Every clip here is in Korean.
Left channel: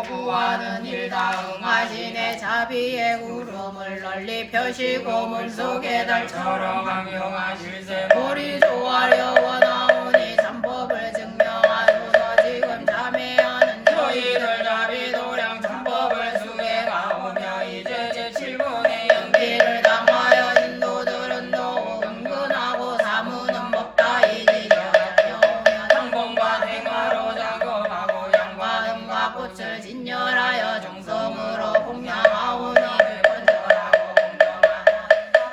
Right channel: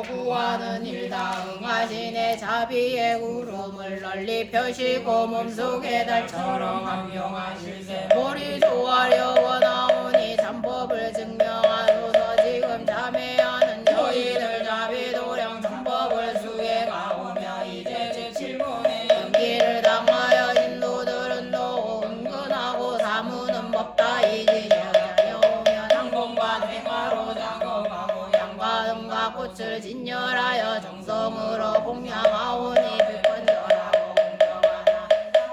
구하려 구하는 일다 응하시네. 자비의 구름을 널리 펴시고 몸속에 달처럼 환경하실세. 우리 조하려 원하오니 참법을 증명하소서. 지금 참회하는 저희들 자비도량 참법을 수행하오며 이제 제7분의 연기를 당하여 신도들은 또 은근하고 사무는 법다 이지며 다녀오며 상공과 행하로 작업하고 양과 은과 꽃을 진열하여 정성으로 공양하오니 불건절하고 공정하나.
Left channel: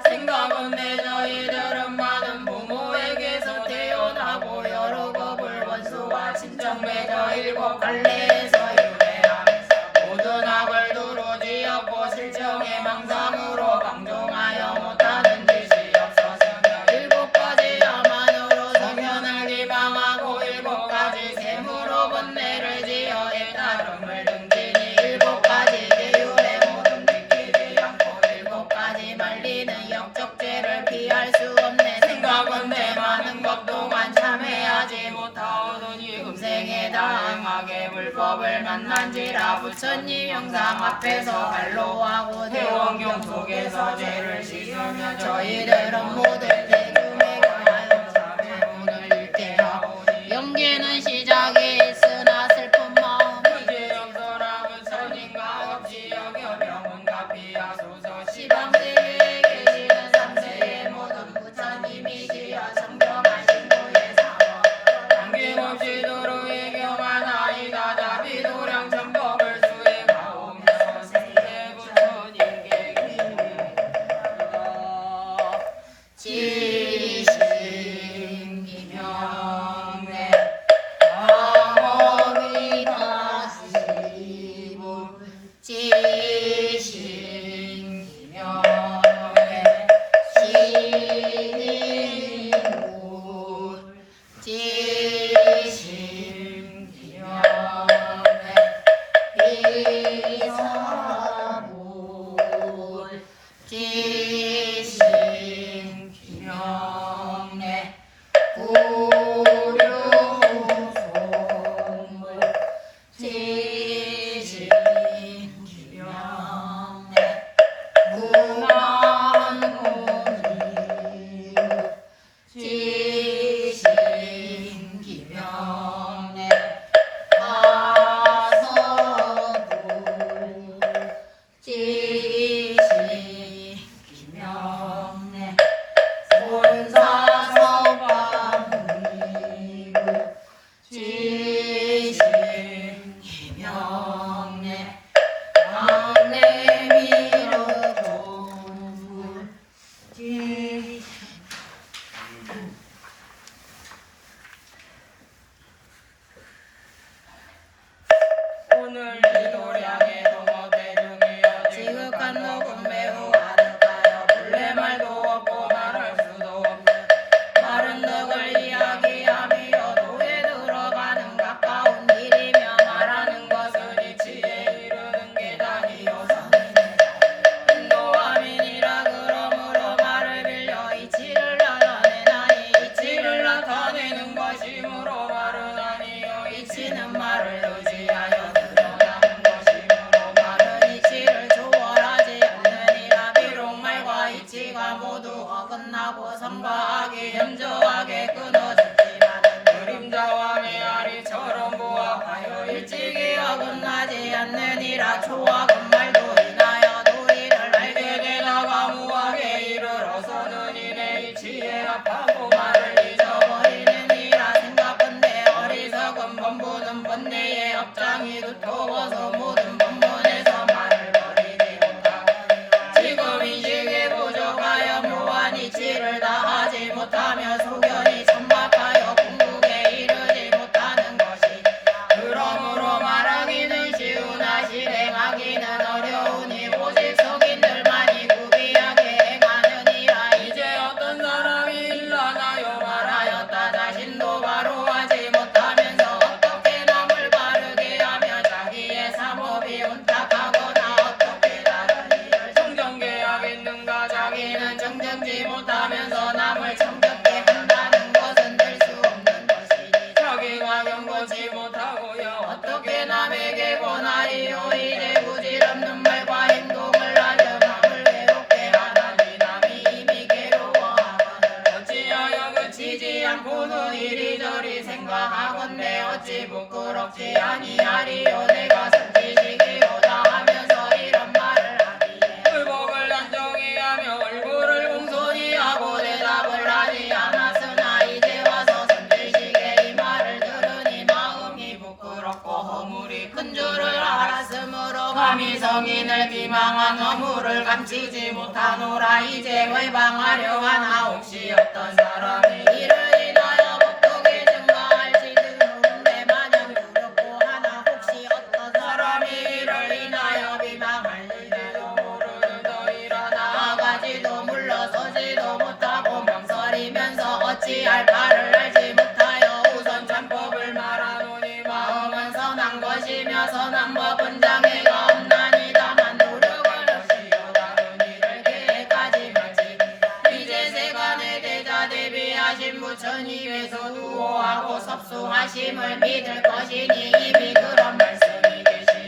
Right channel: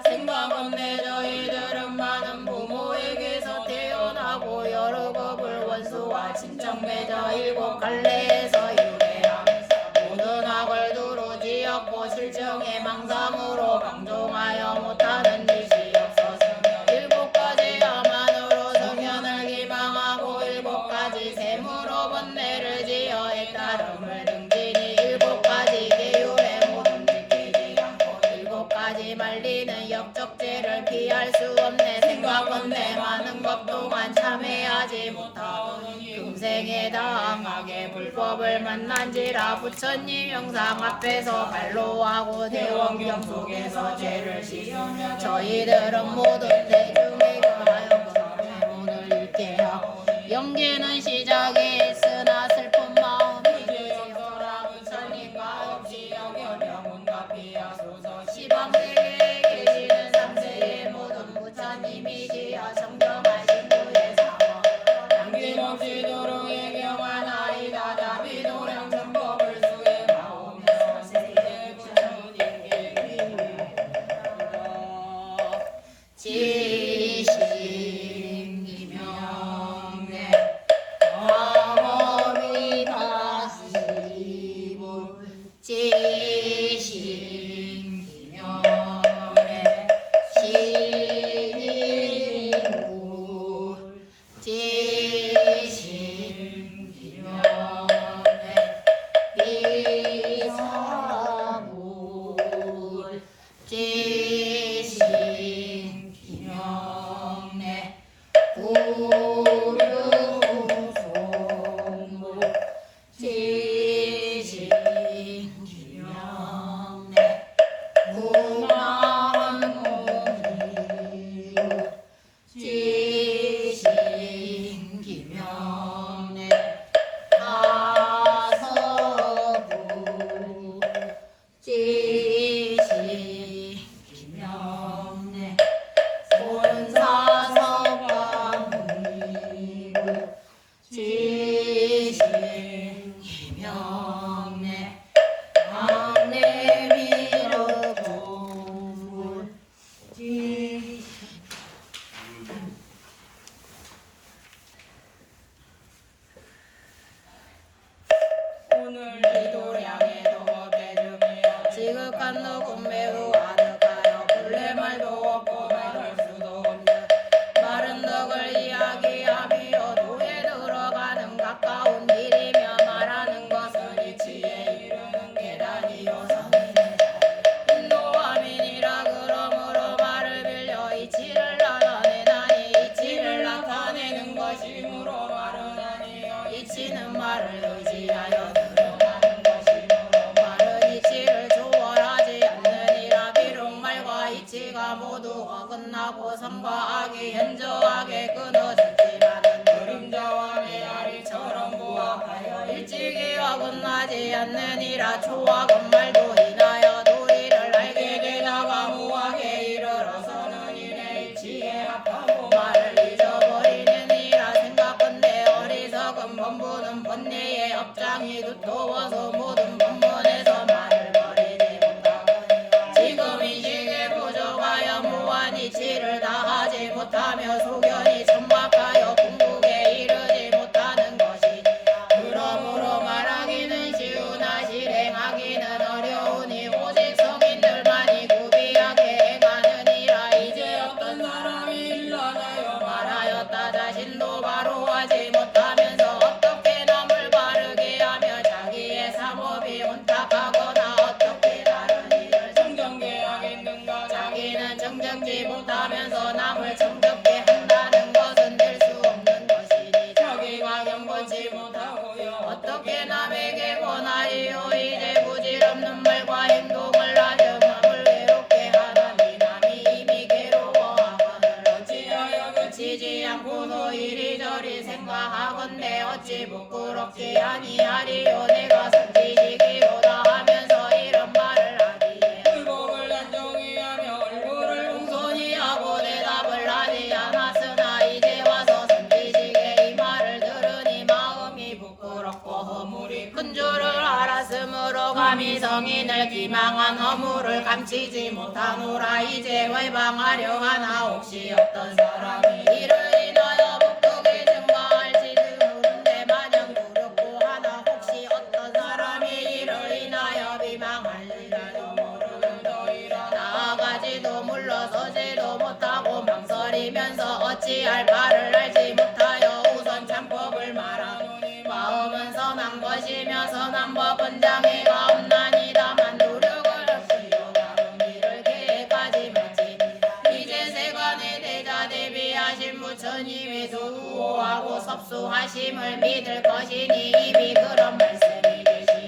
생각은 내 저희들은 많은 부모에게서 태어나고 여러 겁을 원수와 친척 맺어 일곱 갈래에서 유배하면서 모든 악을 두루 지었고 실정의 망상으로 방종하여 못하는 짓이 없어서며 일곱 가지 야만으로 성현을 기망하고 일곱 가지 셈으로 번뇌를 지어 애따름을 등지니 일곱 가지 계율의 모든 지키지 않고 일곱 가지 말리는 역적죄를 피할 수 없네. 생각은 내 많은 것 동안 참회하지 못하오니 금생에 당하게 불법을 만난지라. 부처님 영상 앞에서 발로하고 대원경 속에서 죄를 지으며 저희들은 모든 대중에 관하여 법의 문을 읽게 하오니 연기는 시작이 있으나 슬픈 마음이지 연설하면 선인가 없이 여겨 명은가 피하소서. 시방세계에 계시는 삼세의 모든 부처님이시여 정정하신 구의 사법 남김없이 두루 임명하나이다. 자비도량 참법을 수행하오며 세계 부처님께 지심기명내 아머리 다시불 지심기명내 시인물 지심기명내 비사물 지심기명내 구류공물 지심기명내 구만공유 지심기명내 하서불 지심기명내 본사서방미루 지심기명내 강내미르공물 오늘 이도량의 동업의 중이여 지극한 녹음 매우 아득하여 본래 말도 없고 말할 수도 없는 마른 덕을 이야기하며 도에 들어가는 가까운 길이며 말하는 것을 이치에 이르는 계단이요 선이네. 인도하민이라 그러므로 말을 빌려 이치를 나타내나니 이치를 나타내는 것이므로 말은 아니요 이치는 말을 의지하여 드러나는 것이므로 말은 이치를 조월하지 않느니라. 비록 말과 이치가 모두 어긋나고 선과 악이 현저하게 끊어졌지만은 그림자와 메아리처럼 부합하여 일찍이 어긋나지 않느니라. 초악은 말도 인하여 도리를 알게 되다가 무하게 이르러서는 이내 이치에 합하고 말을 잊어버리느니라. 생각건대 어리석은 범부는 번뇌의 업장이 두터워서 모든 법문에서 말을 버리지 못하느니라. 지금 인식에 부족하여 무한 이치를 다하지 못하며 소견이 천박하여 궁극에 이르지 못하는 것이니라. 그러므로 말하기는 쉬우나 실행하기는 어려우니 오직 성인들만이 구비하게 행하느니라. 이제 어떤 사람이 일어나요 말하였다. 자신도 바로 하지 못하면서 어떻게 남을 바르게 하며 자기의 사법이 혼탁하거나 어떻게 다른 일을 정정케 하겠는가. 자기는 정정지 못하면서 남을 정정케 한다는 것은 될 수 없는 것이니 자기가 경건치 못하고요 어떻게 남에게 권하리 오늘 이리저리 생각하건대 어찌 부끄럽지 아니하리요 내가 선지식이로다 하면서 이런 말을 하기에 불복을 난정히 하며 얼굴을 공손히 하고 대답을 하지 않았으나 이제 와서 선지식의 이 말을 들으니 마음이 부끄럽고 허물이 큰 줄을 알았으므로 감히 성인을 비망한 허물을 감추지 못하노라. 이제 외방하려 하나 혹시 어떤 사람이 이를 인하여 목독에 증거할지 모르는데 마냥 두렵고 하나 혹시 어떤 사람이 이를 인하여 비방할지라도 모르는 저희라. 나아가지도 물러서지도 못하고 망설이면서 어찌할 바를 알지 못하여 우선 참법을 말하노니 마음은 선한 것이며 선한 법은 장애가 없나니 다만 노력을 없이요 다른 일을 계획하지 말지. 이제 세간의 대자 대비하신 부처님의 두호하고 섭수하심을 믿을 것이니 이미 그런 말씀이 되시었으니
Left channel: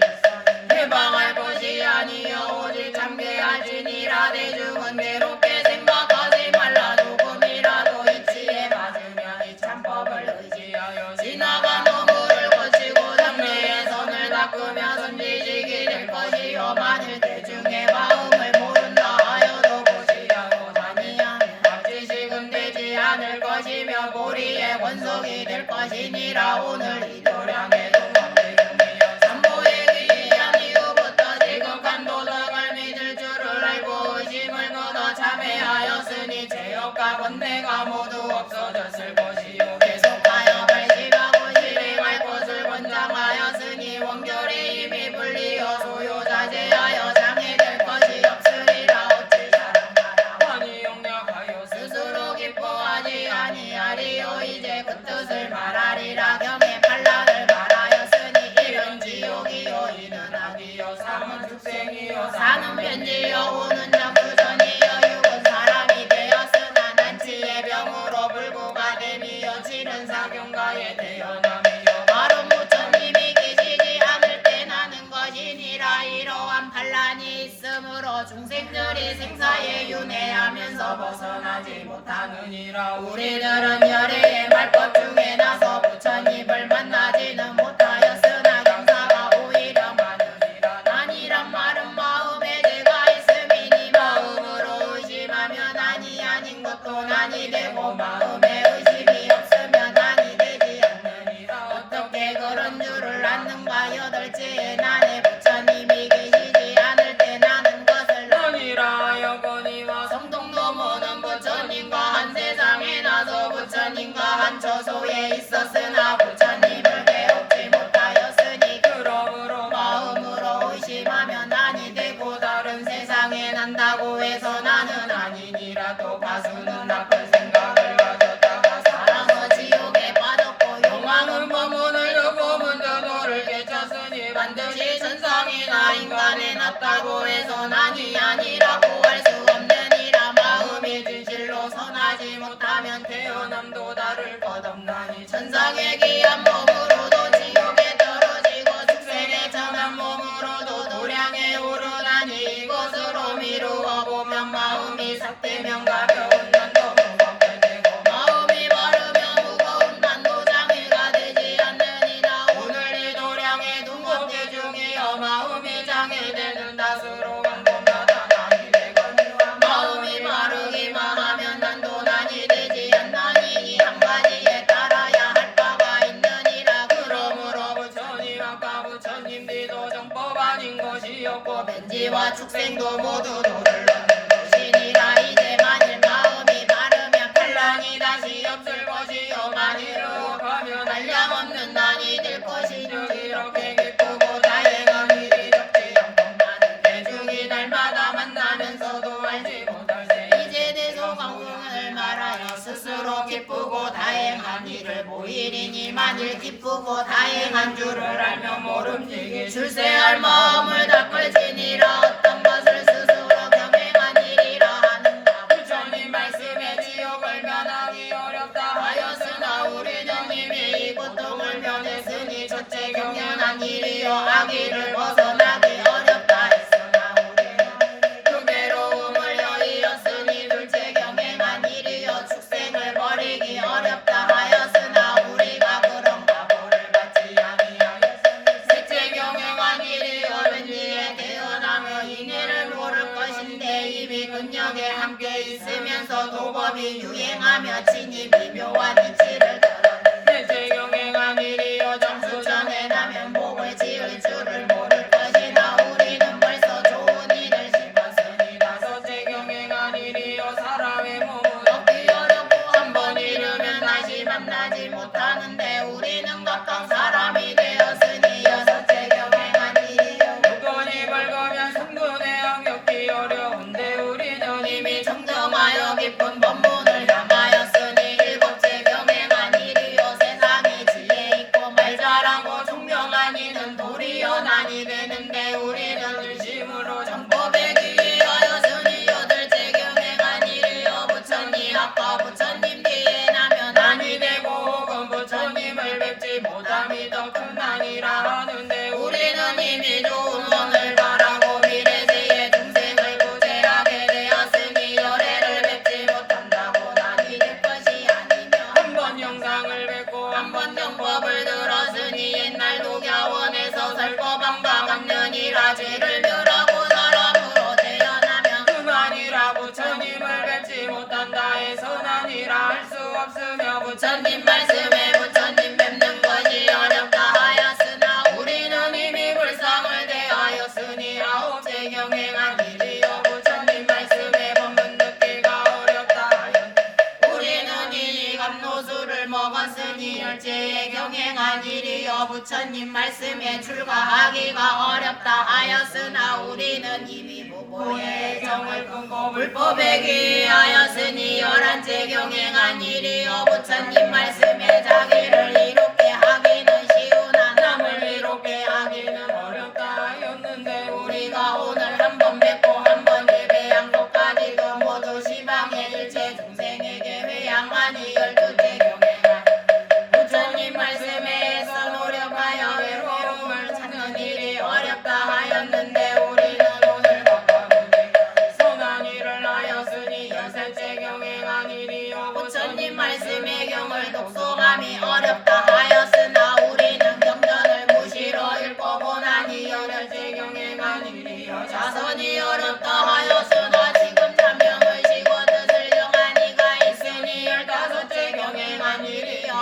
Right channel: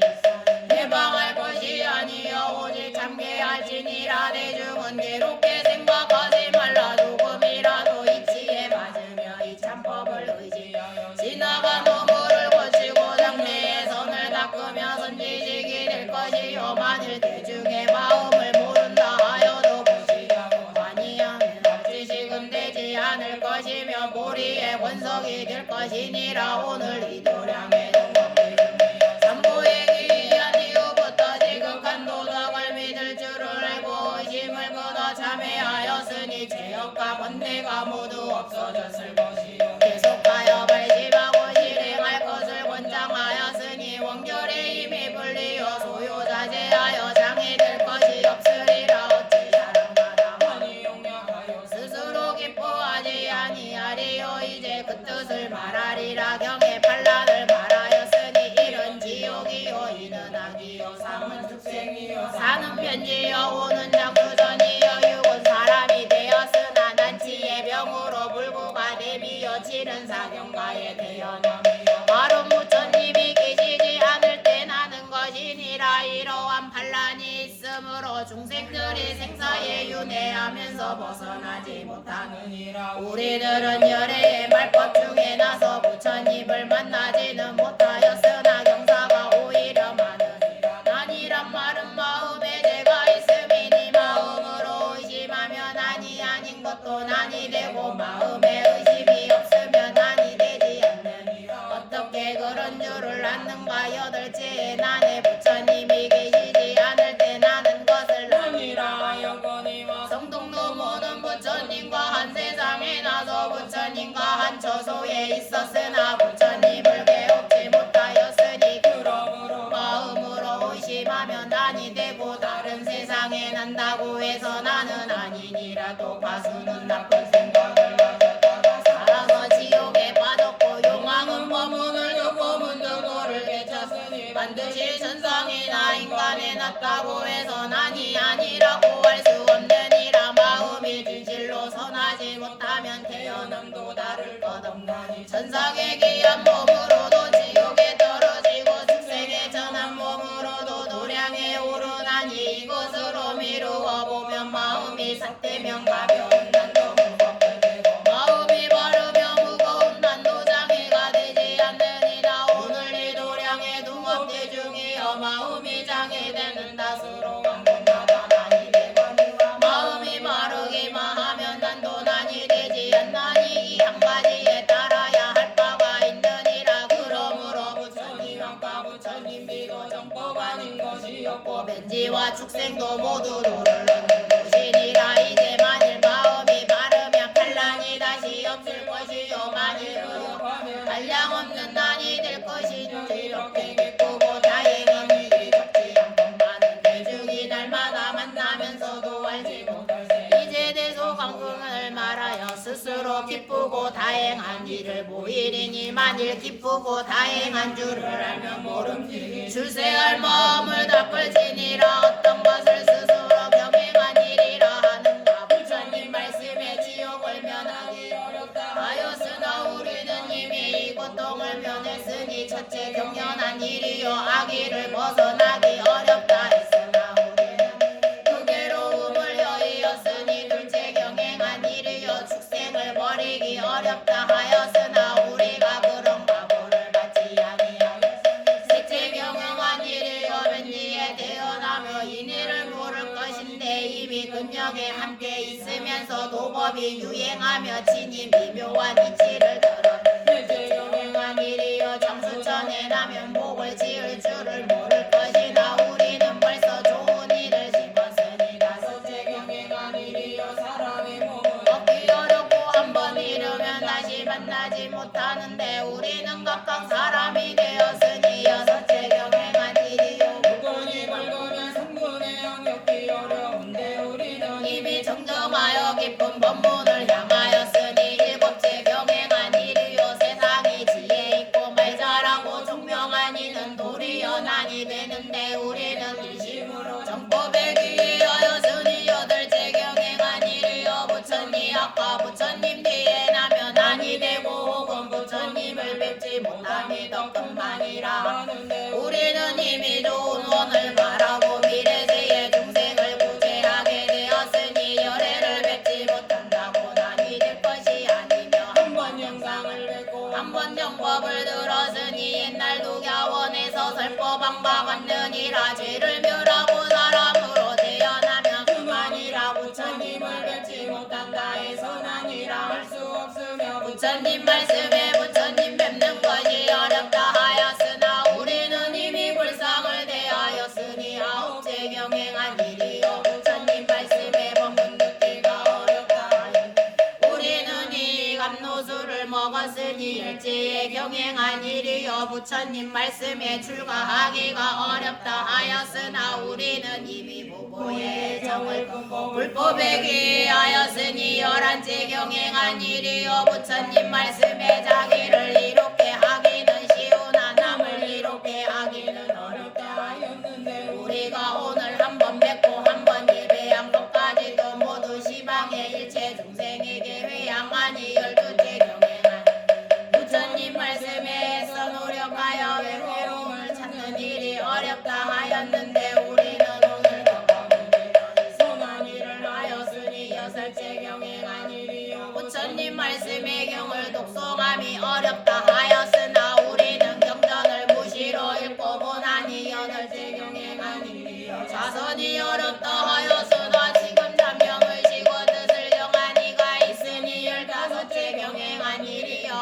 해방할 것이 아니여 오직 참게하시니라. 대중은 괴롭게 생각하지 말라. 조금이라도 이치에 맞으며 이 참법을 의지하여 지나간 허물을 고치고 장래의 선을 닦으며 선지식이 될 것이요 만일 대중의 마음을 모른다 하여도 보시려고 아니하면 지식은 되지 않을 것이며 보리의 권속이 될 것이니라. 오늘 이 도량의 동업의 중이여 삼보의 기이한 이후부터 지극한 도덕을 믿을 줄을 알고 의심을 끊어 참회하였으니 죄업과 번뇌가 모두 없어졌을 것이요 계속하여 발심하고 실행할 것을 권장하였으니 원결의 힘이 불리어 소요자제하여 장애될 것이 없으리라. 어찌 다른 바람하니 용력하여 스스로 기뻐하지 아니하리요. 이제 그 뜻을 말하리라. 경의 반란을 말하였으니 이런 지옥이요 이는 악이요 삶은 축생이요 사는 편지요 오는 작두전이요 육은 사람이 되었으나 난치의 병으로 불구가 됨이요 칠은 사경가에 태어남이요 바른 부처님이 계시지 않을 때 나는 것이니라. 이러한 반란이 있으므로 중생들이 생사에 윤회하면서 벗어나지 못하느니라. 우리들은 열애의 말것 중에 나서 부처님을 만나지는 못하였으나 경사가 오히려 많으니라. 난이란 말은 마음에 죄가 있음이니 마음으로 의심하면 난이 아닌 것도 난이 되고 마음에 의심이 없으면 난이 되지 않느니라. 어떻게 그런 줄을 아는가. 여덟째에 나네 부처님이 계시지 않을 때 나는 것을 아니라 하여거니와 정통도 모든 부처님과 한 세상에 나도 부처님과 한 처소에 있었으나 부처님을 배우지 못하였으니 그러므로 마음으로 의심하면 난이 되고 다른 세상에 난다고 해서 나는 아니니라. 또 가수는 나쁜 생각을 가졌다가 사랑은 지옥에 빠졌고 용왕은 법문을 듣고 문조도를 깨쳤으니 반드시 천상이나 인간에 났다고 해서 난이 아니라고 할 수 없느니라. 마음이 진실로 선하지 못하면 태어남도 다를 것 없나니 천상의 귀한 몸으로도 지옥에 떨어지고 중생의 천한 몸으로도 도량에 오르나니 이것으로 미루어 보면 마음이 삭되면 가벼운 난도 무겁게 되고 마음이 바르며 무거운 난도 장애가 되지 않느니라. 오늘 이 도량의 동업대 중이여 마음이 장애되는 다수로 강공하다 난이 되거니와 마음이 바르기만 하면 난도 난이 되지 않나니 이 한 가지에 따라야 할 바가 있느니라. 그러므로 부처님 아까 부처님들도 정법 아닌 것이었고 벤지와 축생도 모두 도를 넣는 것이니라. 이제 만일 마음이 바르면 반란이 다시 없을 것이요 만일 의혹하면 한량 없는 난이 될 것이니 이렇게 기쁘고 다행한 일이 적지 않건만은 대중이 날마다 만나면서도 알지 못할 때 이제 대소광공을 말하여 스스로 기쁘고 다행한 일을 보이리니 만일 기쁘고 다행한 줄을 알면 모름지기 출세할 마음을 닦을지니라. 어떤 것을 스스로 병행한 일이라 하는가. 부처님 말씀에 지옥을 면하기 어렵다 하였으나 우리는 이미 이 고통을 면했으니 첫째 경연한 일이요 악의를 벗어나기 어렵다 했으나 우리는 그 괴로움을 여의었으니 둘째 경행한 일이요 축생을 버리기 어렵다 하여 분명하게 함께 있으면서 도법이 유행하며 친히 미묘한 이치를 들어 일체 경행한 일이여 장수천에 나면 복을 지을 줄을 모를 것이나 우리는 벌써 좋은 일을 심었으니 다섯째 경행한 일이여 사람의 몸은 얻기 어렵고 한 번 잃으면 다시 만나지 못하는데 우리는 각각 사람이 되었으니 여섯째 경행한 일이요 무건이 밝으면 성분의 악역기 어려운데 우리는 이미 정정하여 깊은 법문을 향하였으니 일곱째 경행한 일이요 세상에 지혜 있고 말 잘하고 총명한 이는 도리어 난이 되는데 우리는 일심으로 정법에 기하였으니 여덟째 경행한 일이요 부처님 아까 부처님 뒤에 나면 난이 되고 혹은 부처님을 뵙지 못함이 더 큰 난이라 하는데 우리는 이미 좋은 원을 바라고 미래세의 중생을 구제하게 되었으니 열애를 뵙지 못한다고 난이 될 것이 아니며 한번 영상을 뵙고 한번 영법을 들었으니 옛날 도교원에서 설법한 바 같느니라 죄를 멸하고 사람으로 태어나면 그만이라 부처님을 뵙지 못한다 해서 난이라 할 수 없으며 부처님 말씀에 부처님 뵙는 것이 어렵다 하였으나 우리는 이미 불상을 대하였으니 아홉째 경행한 일이요 부처님 말씀에 법문 듣기가 어렵다 하였으니 우리는 이 감노수를 먹었으니 열째의 경행한 일이요 부처님 말씀에 출가하기가 어렵다 하였으나 우리는 이미 무고의 정을 끊고 불법에 기하였으니 열한째 경행한 일이요 부처님 말씀에 자기를 이롭게 하기는 쉬우나 남을 이롭게 하기는 어렵다 하였는데 우리가 오늘 한 번 뵙고 한 번 예배한 것까지도 모두 시방의 일체 중생에게 회양하니 열두째 경행한 부처님 말씀에서 노력하여 외로움을 찾는 일이 어렵다 하였는데 우리는 오늘부터 선한 일을 하였으니 여섯째 경행한 일이요 부처님 말씀의 경을 독송함이 어렵다 하였으나 우리는 경전을 무시로 읽고 보나니 여덟째 경행한 일이요 자선이 어렵다 하였으나 지금 잠명을 쉬고 뜻을 정하니가 있으니 열다섯째 경행한 일이요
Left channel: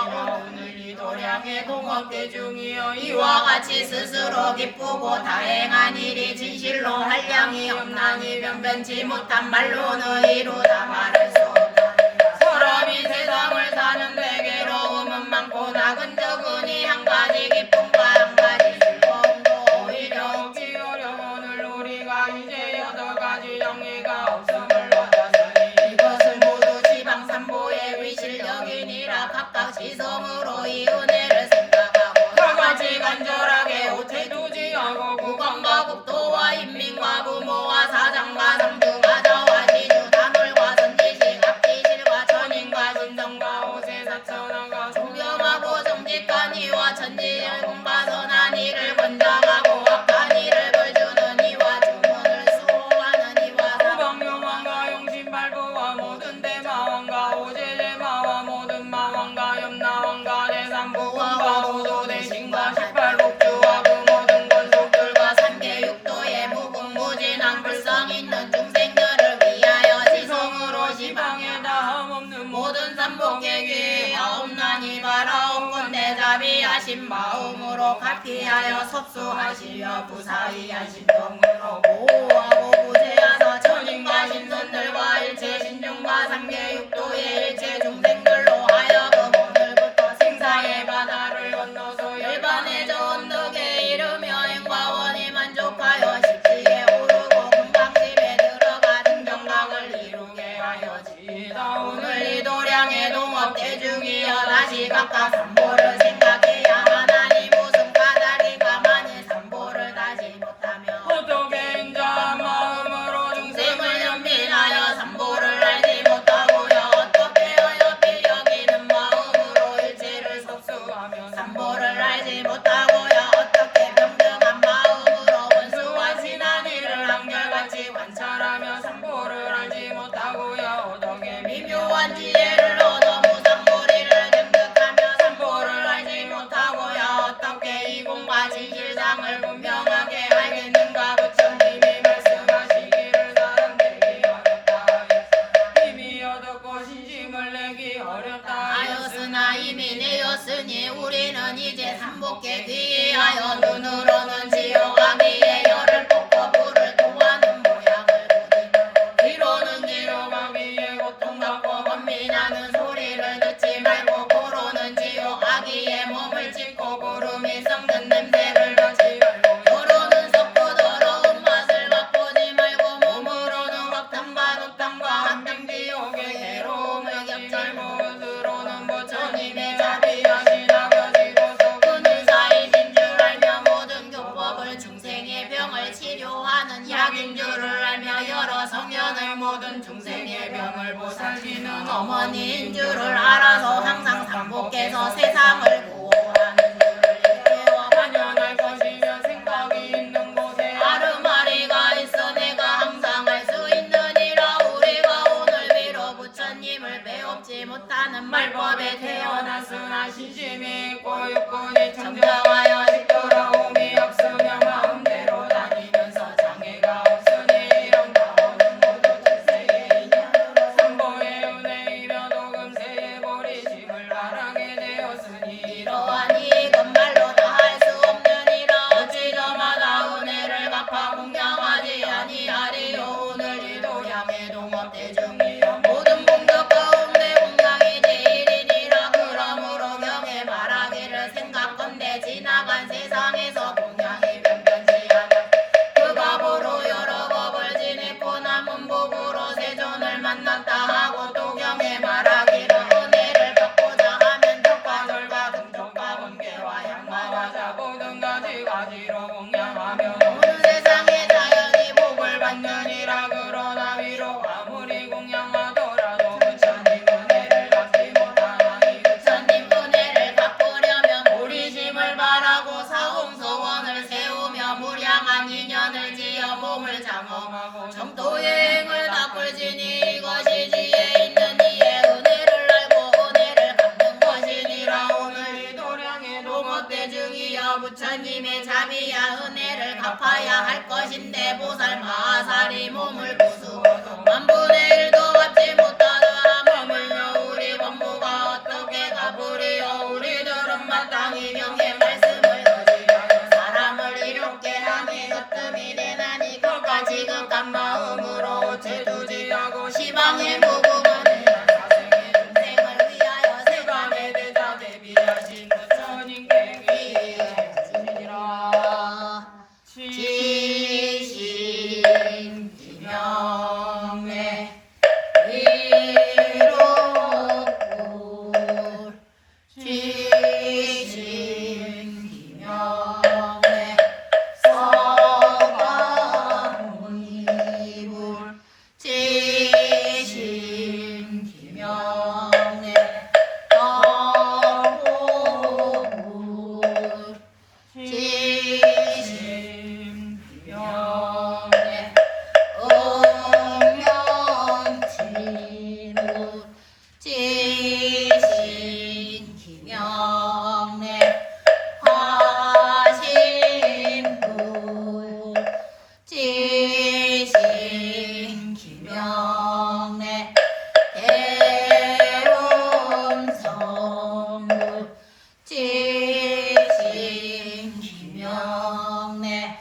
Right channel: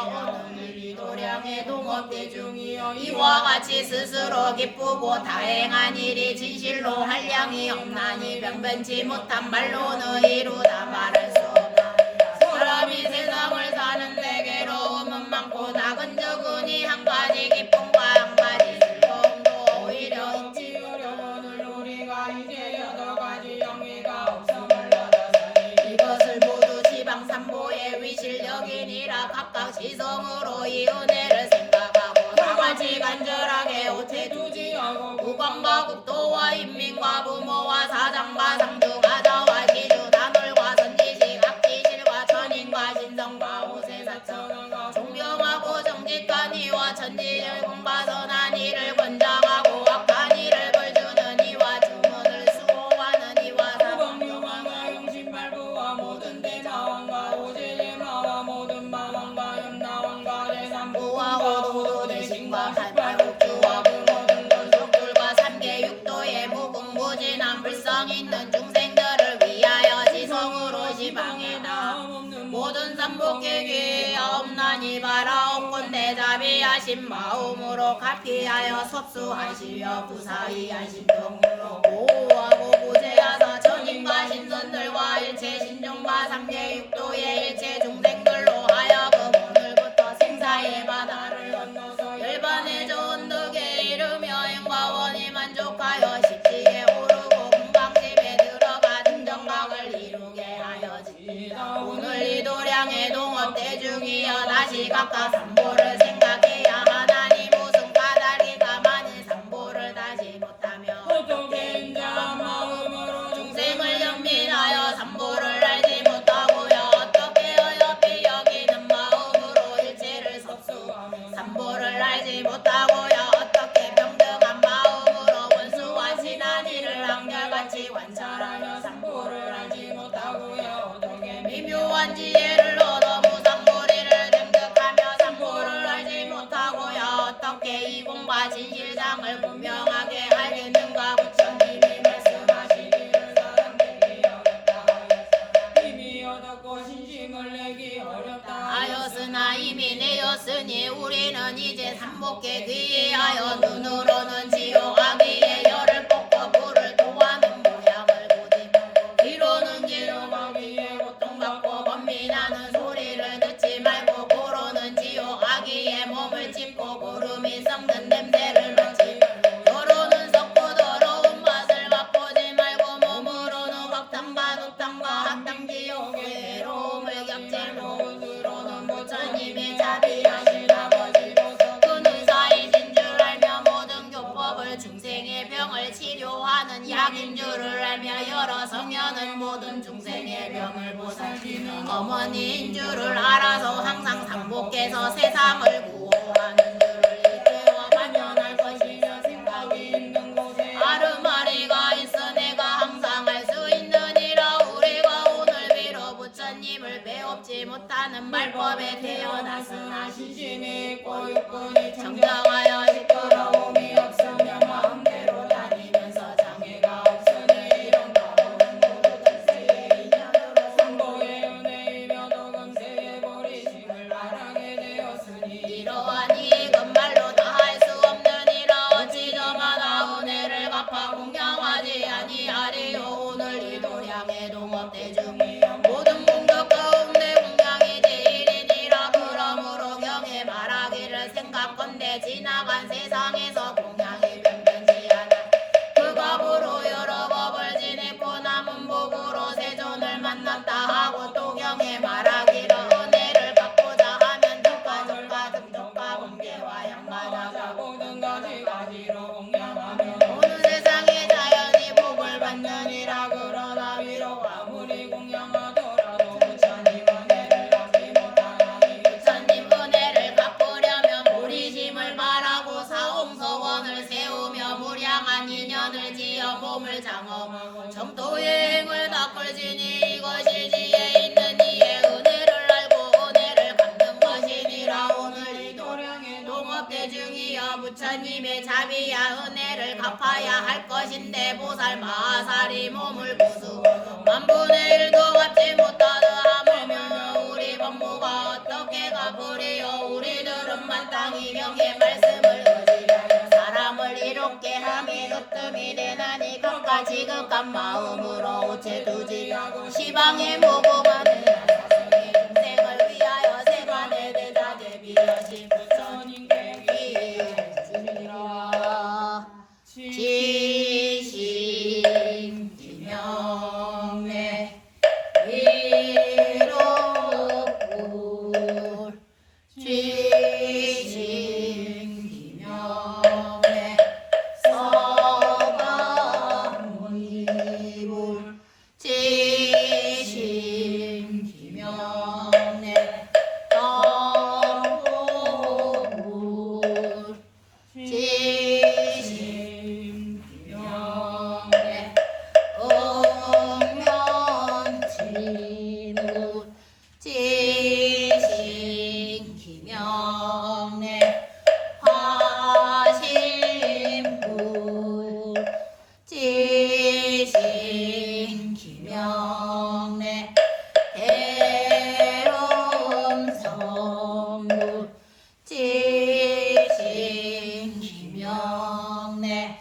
오늘 이 도량의 동업대중이여 이와 같이 스스로 기쁘고 다행한 일이 진실로 한량이 없나니 변변치 못한 말로는 이루다 말할 수 없나니 사람이 세상을 사는데 괴로움은 많고 작은 적은이 한 가지 기쁨과 한 가지 즐거움도 오히려 얻기 어려운 우리가 이제 여덟 가지 영예가 없음을 얻었으니 이것을 모두 지방삼보의 위실력이니라 각각 지성으로 이 은혜를 생각하고 다같이 간절하게 오태두지 하고 국왕과 국토와 인민과 부모와 사장과 상주가 자와 시주 단월과 선지식 악기실과 천인과 진정과 오세사천왕과 존경하고 정직한 이와 천지열공과 선한 이를 권장하고 악한 이를 벌주는 이와 주문을 수호하는 이와 후방명왕과 용신발부와 모든 대마왕과 오제제마와 모든 마왕과 염라왕과 대삼부왕과 모두 대신과 18국주와 그 모든 권속들과 삼계 육도의 무궁무진한 불성 있는 중생들을 위하여 지성으로 지방에 다음 없는 모든 삼복계기 아홉난이 바라온건대 자비하신 마음으로 가피하여 섭수하시려 부사이하신 정으로 보호하고 구제하사 천인과 신선들과 일체 신중과 삼계 육도의 일체 중생들로 하여금 오늘부터 생사의 바다를 건너서 열반의 좋은 덕에 이르며 행과원이 만족하여 십지에 오르고 금강집에 들어가 등정각을 이루게 하여지이다. 오늘 이 도량의 동업대중이여 다시 각각 삼보를 생각해야 하나니 무슨 까닭이가 만일 삼보를 다시 못하며 어떻게 인자 마음으로 중생을 연민하여 삼보를 알지 못하고요 어떻게 어여삐 여기는 마음으로 일체를 섭수하며 삼보를 알지 못하고요 어떻게 평등한 마음으로 원수와 친한 이를 한결같이 관찰하며 삼보를 알지 못하고요 어떻게 미묘한 지혜를 얻어 무상무리를 증득하며 삼보를 알지 못하고요 어떻게 이공과 진실상을 분명하게 알겠는가 부처님이 말씀하시기를 사람들이 어렵다 되었으니 우리는 이제 삼복에 귀하여 눈으로는 지옥 아기의 열을 뽑고 불을 토하는 모양을 보지 귀로는 지옥 아기의 고통받고 번민하는 소리를 듣지 말고 고로는 지옥 아기의 몸을 찢고 구름이 썩는 냄새를 맡지 말고 너로는 썩고 더러운 맛을 맛보지 말고 몸으로는 확탕과 독탕과 합탕 지옥의 괴로움을 겪지 못으로는 부처님의 자비하신 아버지로서 그는 사이진 줄 알며 모든 교법을 중생의 병을 치료하는 약인 줄을 알며 여러 성현을 모든 중생의 병을 보살피는 어머니인 줄을 알아서 항상 삼복해서 세상을 구호하는 줄을 깨워 반면할 것이며 생각이 있는 곳에 아르마리가 있어 내가 항상 할 수 있느니라. 우리가 오늘 비로 부처님을 배웁지 못하는 말법에 태어났으나 신심이 있고 육군이 청정하여 뒤돌아옴이 없으며 마음대로 다니면서 장애가 없으니 이런 마음은 모두 지세의 인연으로 삼복의 은혜이며 도금세의 보리심을 말하게 되었으니 이러한 이익은 말로 다 할 수 없느니라. 어찌 저마다 은혜를 갚아 공양하지 아니하리요. 오늘 이 도량의 동업대중이여 모든 공덕 가운데 공양이 제일이니라. 그러므로 경에 말하기를 생각건대 지나간 세상에서 공양이 변변치 않아 그 값으로 여러 법을 지냈고 남은 복으로 세존을 만났다 하고 또 경에 말하기를 은혜를 갚고자 하면 덕과 돌과 금통과 번개와 양마와 자고등 가지가지로 공양하며 오는 세상에 자연히 복을 받느니라. 그러나 위로 아무리 공양하더라도 부처님 은혜를 갚지 못하니 부처님 은혜를 갚으려면 보리심을 바라고 사홍서원을 세우며 무량한 인연을 지어 몸을 장엄하고 정토여행을 닦을지니 이것이 지혜 있는 이의 은혜를 알고 은혜를 갚는 것이니라. 오늘 이 도량의 동업대중이여 부처님의 자비야 은혜를 갚아야 할 것인데 보살 마하살이 몸을 부수어서 만분의 일도 갚지 못하더라. 머물며 우리 법무가 어떻게 갚으리요. 우리들은 마땅히 경의 말씀을 의지하여 사람을 이롭게 하니 으뜸이 되나니 그가 지극한 마음으로 우체두지 하고 시방에 무궁하는 중생을 위하여 세간에 대자 대비하신 부처님께 귀의하였으니라. 지신 기명래 위로불 지신 기명래 서가모니불 지신 기명래 서호불 지신 기명래 응명지불 지신 기명래 화신불 지신 기명래 대음성불 지신 기명래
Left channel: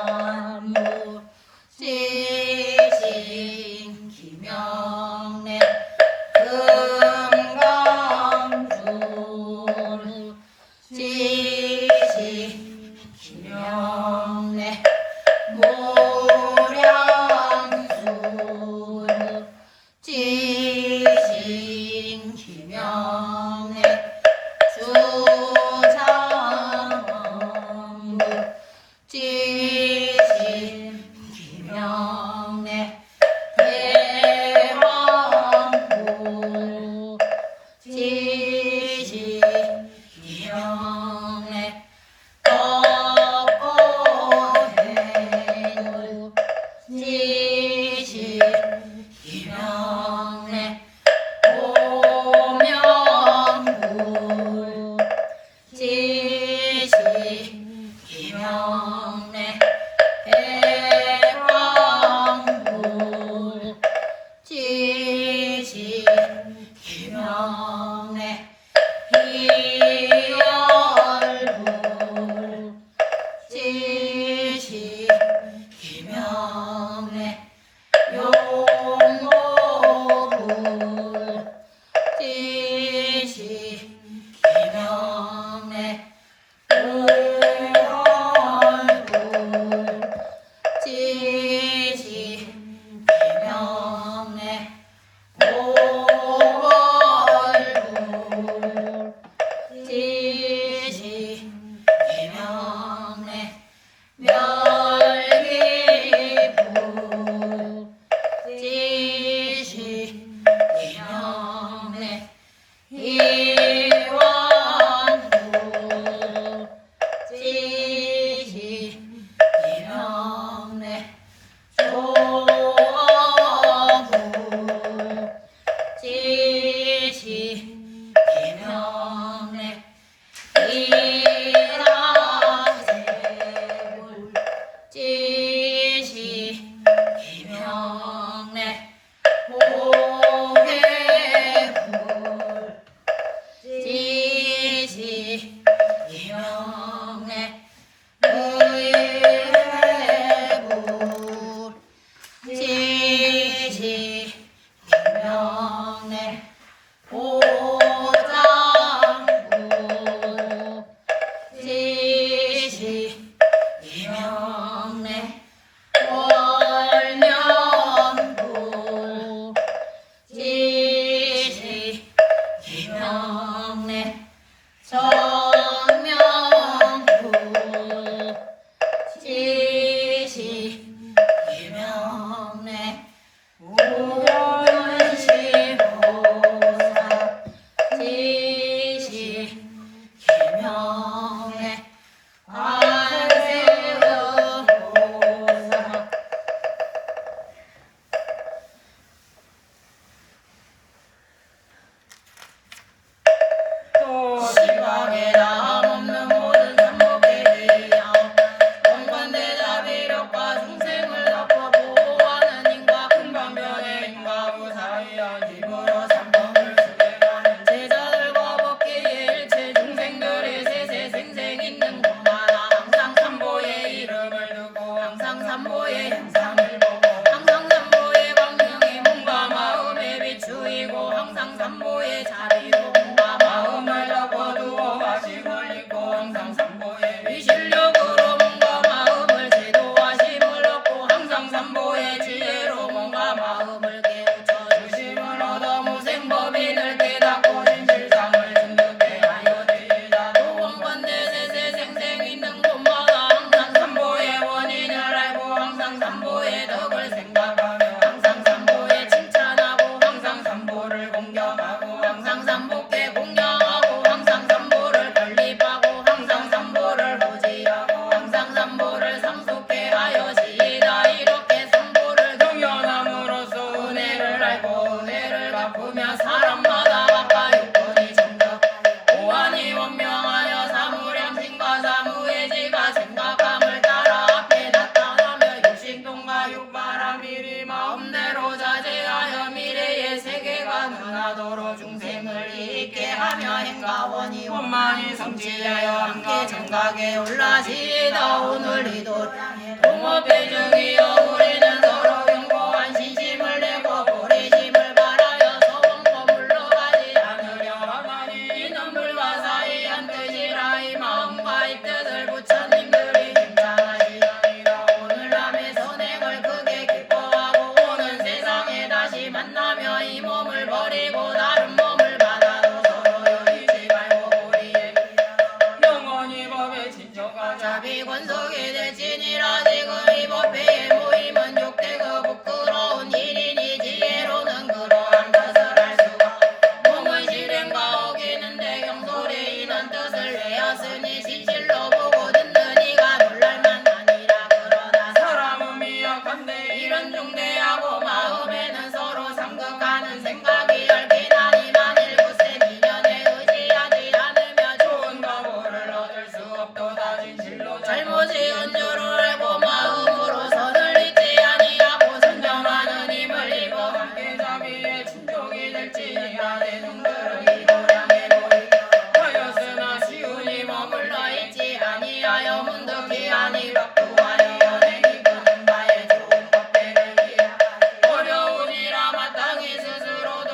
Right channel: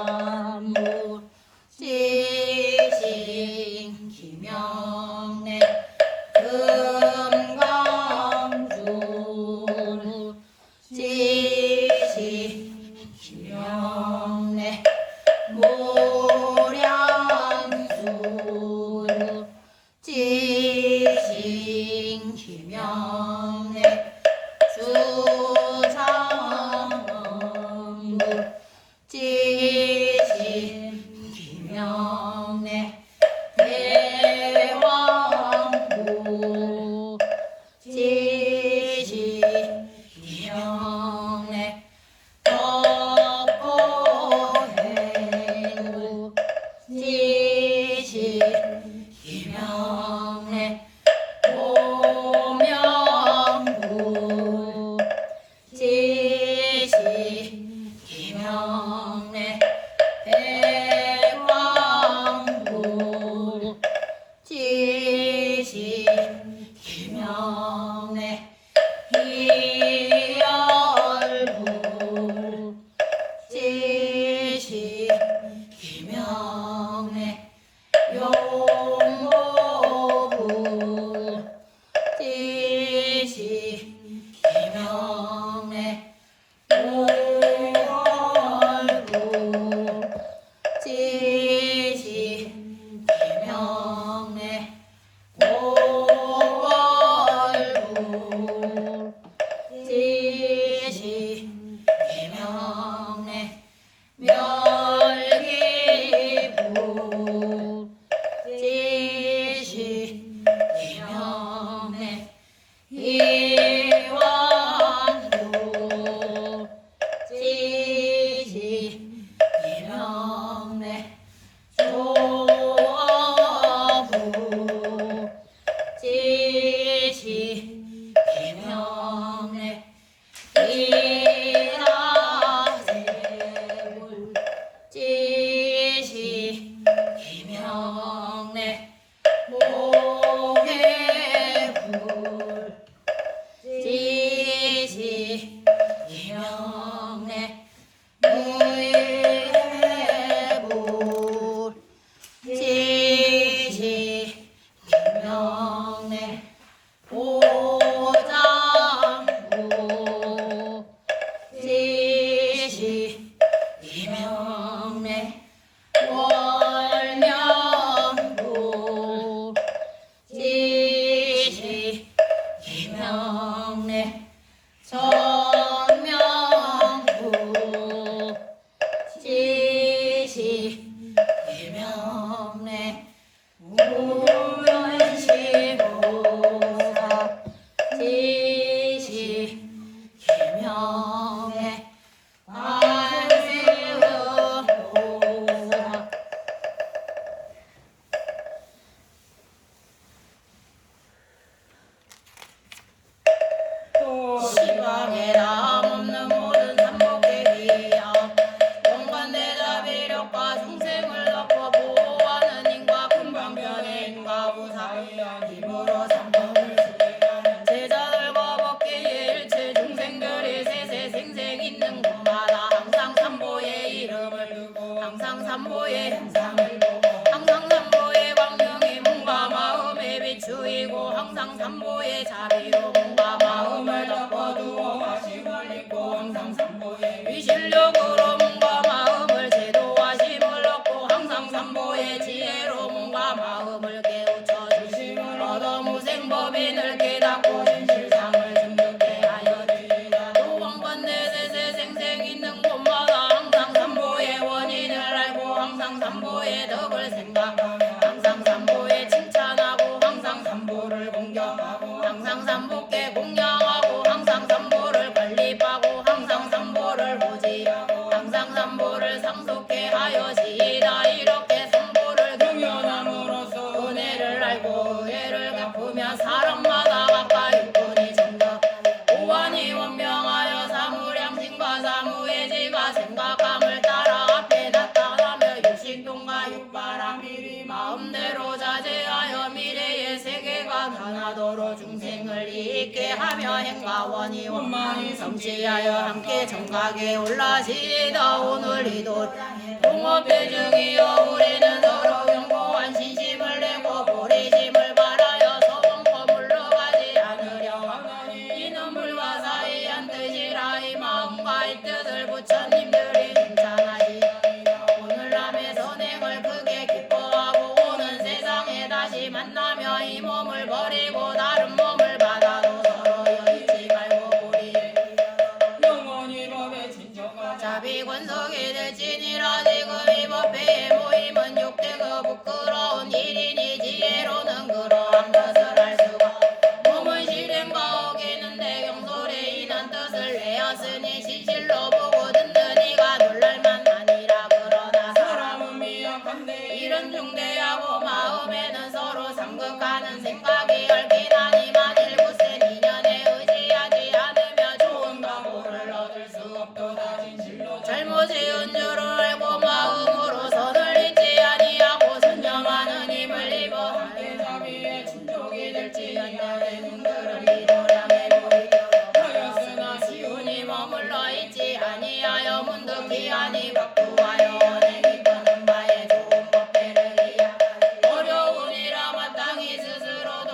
현대참불 지신 기명래 금강주불 지신 기명래 모량주불 지신 기명래 주상불 지신 기명래 대왕불 지신 기명래 법보행불 지신 기명래 오명불 지신 기명래 대왕불 지신 오부 지시 이명래 이나대불 지시 이명래 오해불 지시 이명래 의회불 지시 이명래 오장부 지시 이명래 월명부 지시 이명래 정명부 지시 이명래 우원시보라 지시 이명래 관세음보라 시방에 남 없는 모든 참복계리야 공관대자 비력과 중생을 덮어 보호하는 인과 금방변의 인과 부사위야 입으로 참복을 수행하는 제자들과 법기에 일체 중생들이 세세생생 있는 곳마다 항상 참보의 이름을 두고 항상 참보의 형상을 보고 항상 참보의 광명이 몸과 마음에 비추이고 항상 참보의 자비로 몸과 마음을 덮어두어 마심을 잊고 항상 참보의 위실력으로 몸과 마음을 제도하심을 얻고 항상 참보의 지혜로 몸과 마음을 깨우쳐 주심을 얻어 무생법인을 깨닫고 진실상을 증득해 하여 되리라. 도원관대세세생생 있는 곳마다 항상 참보의 원인을 알고 항상 참보의 덕을 생각하며 항상 참보의 칭찬하고 항상 참보를 공경하고 항상 참보께 공경하고 항상 참보를 건립하고 항상 참보를 보지하고 항상 참보를 상속해 하여지이다. 이렇게 참보를 경연함으로써 은혜를 알고 은혜를 갚으며 사람마다 각각 육군이 정덕 오한이 원명하여 사무량심과 사무의지가 생각함을 따라 앞에 나타나며 육신통과 육바람 미리 마음대로 자제하여 미래의 세계가 변하도록 중생을 있게 하며 행가원이 원만히 성취하여 함께 정각에 올라지이다. 오늘 이도 동업대중이여 우리는 서로 경고한 신심을 내고 보리심을 바라여 서원코 물러가지 않으려 하나니 이는 불과 사이한 뜻이라. 이 마음과 이 뜻을 부처님들이 칭찬하지 아니라 오늘날의 선행을 크게 기뻐하고 오는 세상에 다시 만나며 이 몸을 버리고 다른 몸을 받아도 서로 여의지 말고 우리의 영원히 법에 진정하자. 자비권속이 대신이라. 지금 이 법회의 모임은 욕되고 부끄러운 일이니 지혜로는 그러한 것을 알 수가 몸의 실행과 어기는데 경솔히 이는 뜻을 내었으니 진실로 보고 듣는 이가 놀랄만 하니라. 그러나 사람은 미약한데 이런 중대하고 마음에는 서로 상극하는 생각이 얽힌 하니 만일 굳세 미련에 의지하지 않으며 좋은 과보를 얻을 수 없도다. 진실로 잘못 지은 줄을 알고 마음으로 선을 잊지 아니하고 순정하는 힘을 입어 함께 자기의 충족이 될지 인간의 눈들은 미도량에 보이려 하였으나 시운이 머물러 있지 아니하여 문득 기한이 박두하여 원해 이끄는 바에 좋은 법회를 이해하여 어려운 일아 마땅히 스스로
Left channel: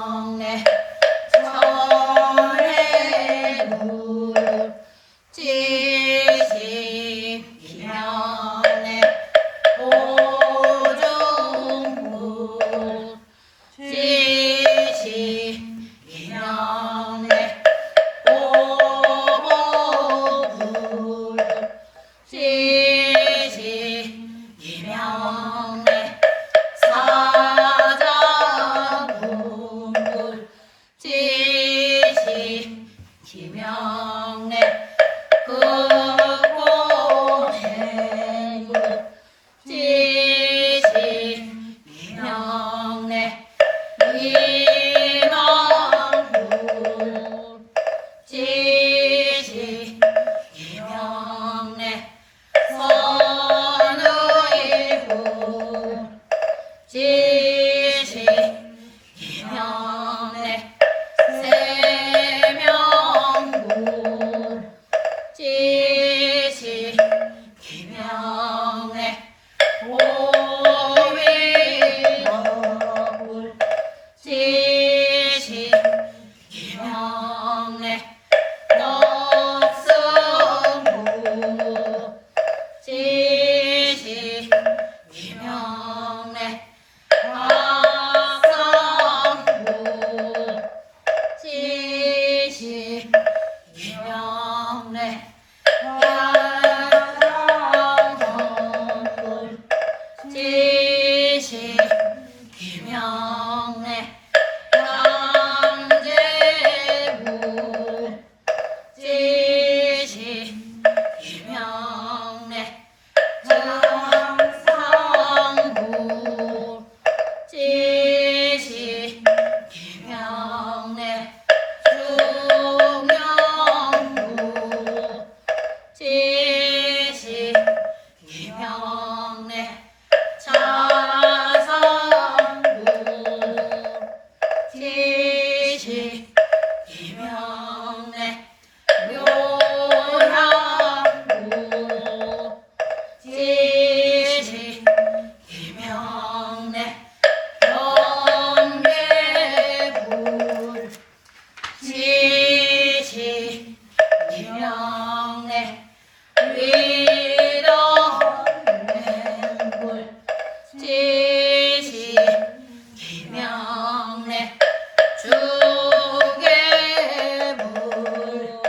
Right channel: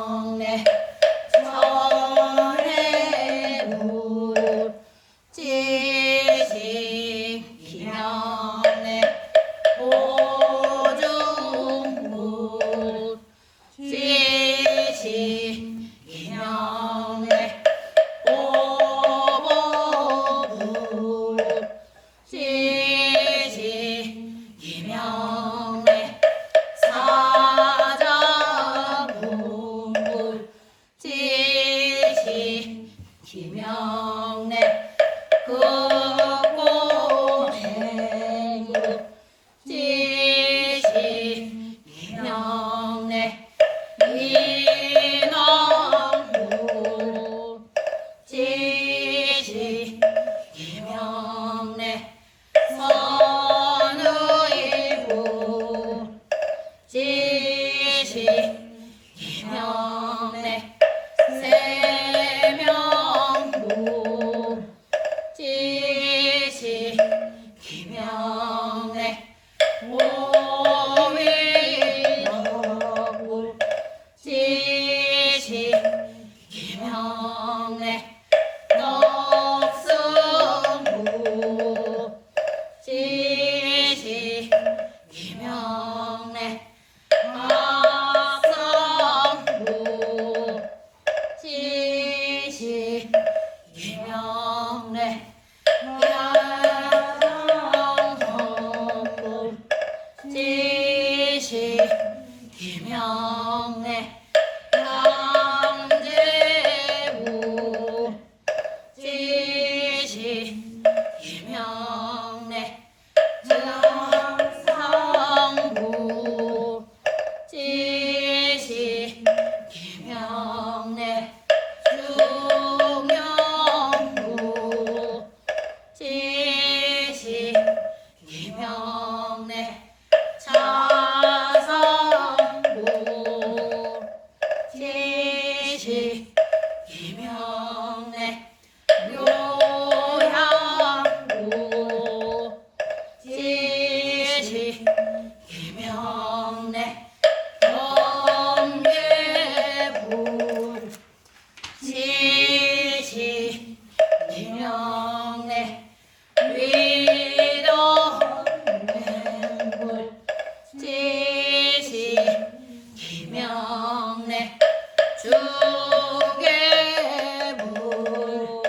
김영래 선해물 지시 김영래 오중물 지시 김영래 오보물 지시 김영래 사자분물 지시 김영래 극고행물 지시 김영래 이망물 지시 김영래 선의부 지시 김영래 세명부 지시 김영래 오위덕물 지시 김영래 넉승부 지시 김영래 박상부 지시 김영래 야상허물 지시 김영래 양재부 지시 김영래 정상부 지시 김영래 중영부 지시 김영래 자상부 지시 김영래 묘양부 지시 김영래 영계부 지시 김영래 위덕맹불 지시 김영래 주계부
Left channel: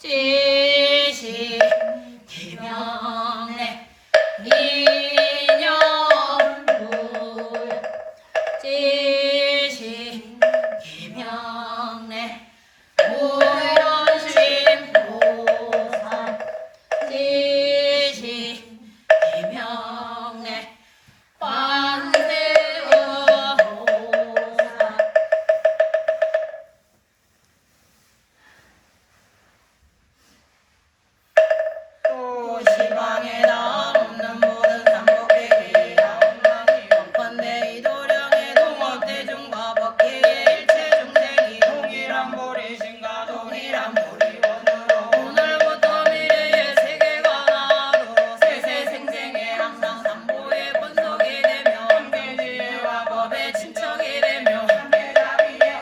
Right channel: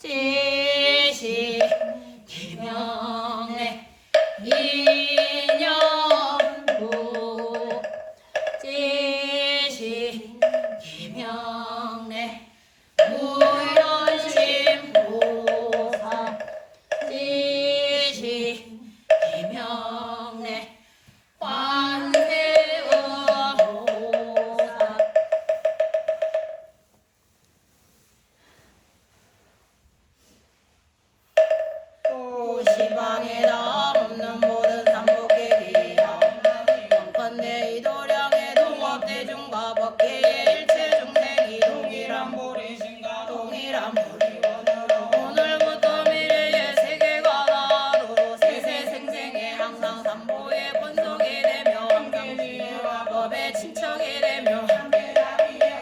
지시 김영래 인연부 지시 김영래 무연심보사 지시 김영래 관세음보사 또 시방에다 없는 모든 삼복계리야 원컨대 이도량의 동업대중과 법계의 일체중생이 동일한 보리신가 동일한 보리원으로 오늘부터 미래의 세계가 나도록 세세생생에 항상 삼보의 권속이 되며 함께지혜와 법의 친척이 되며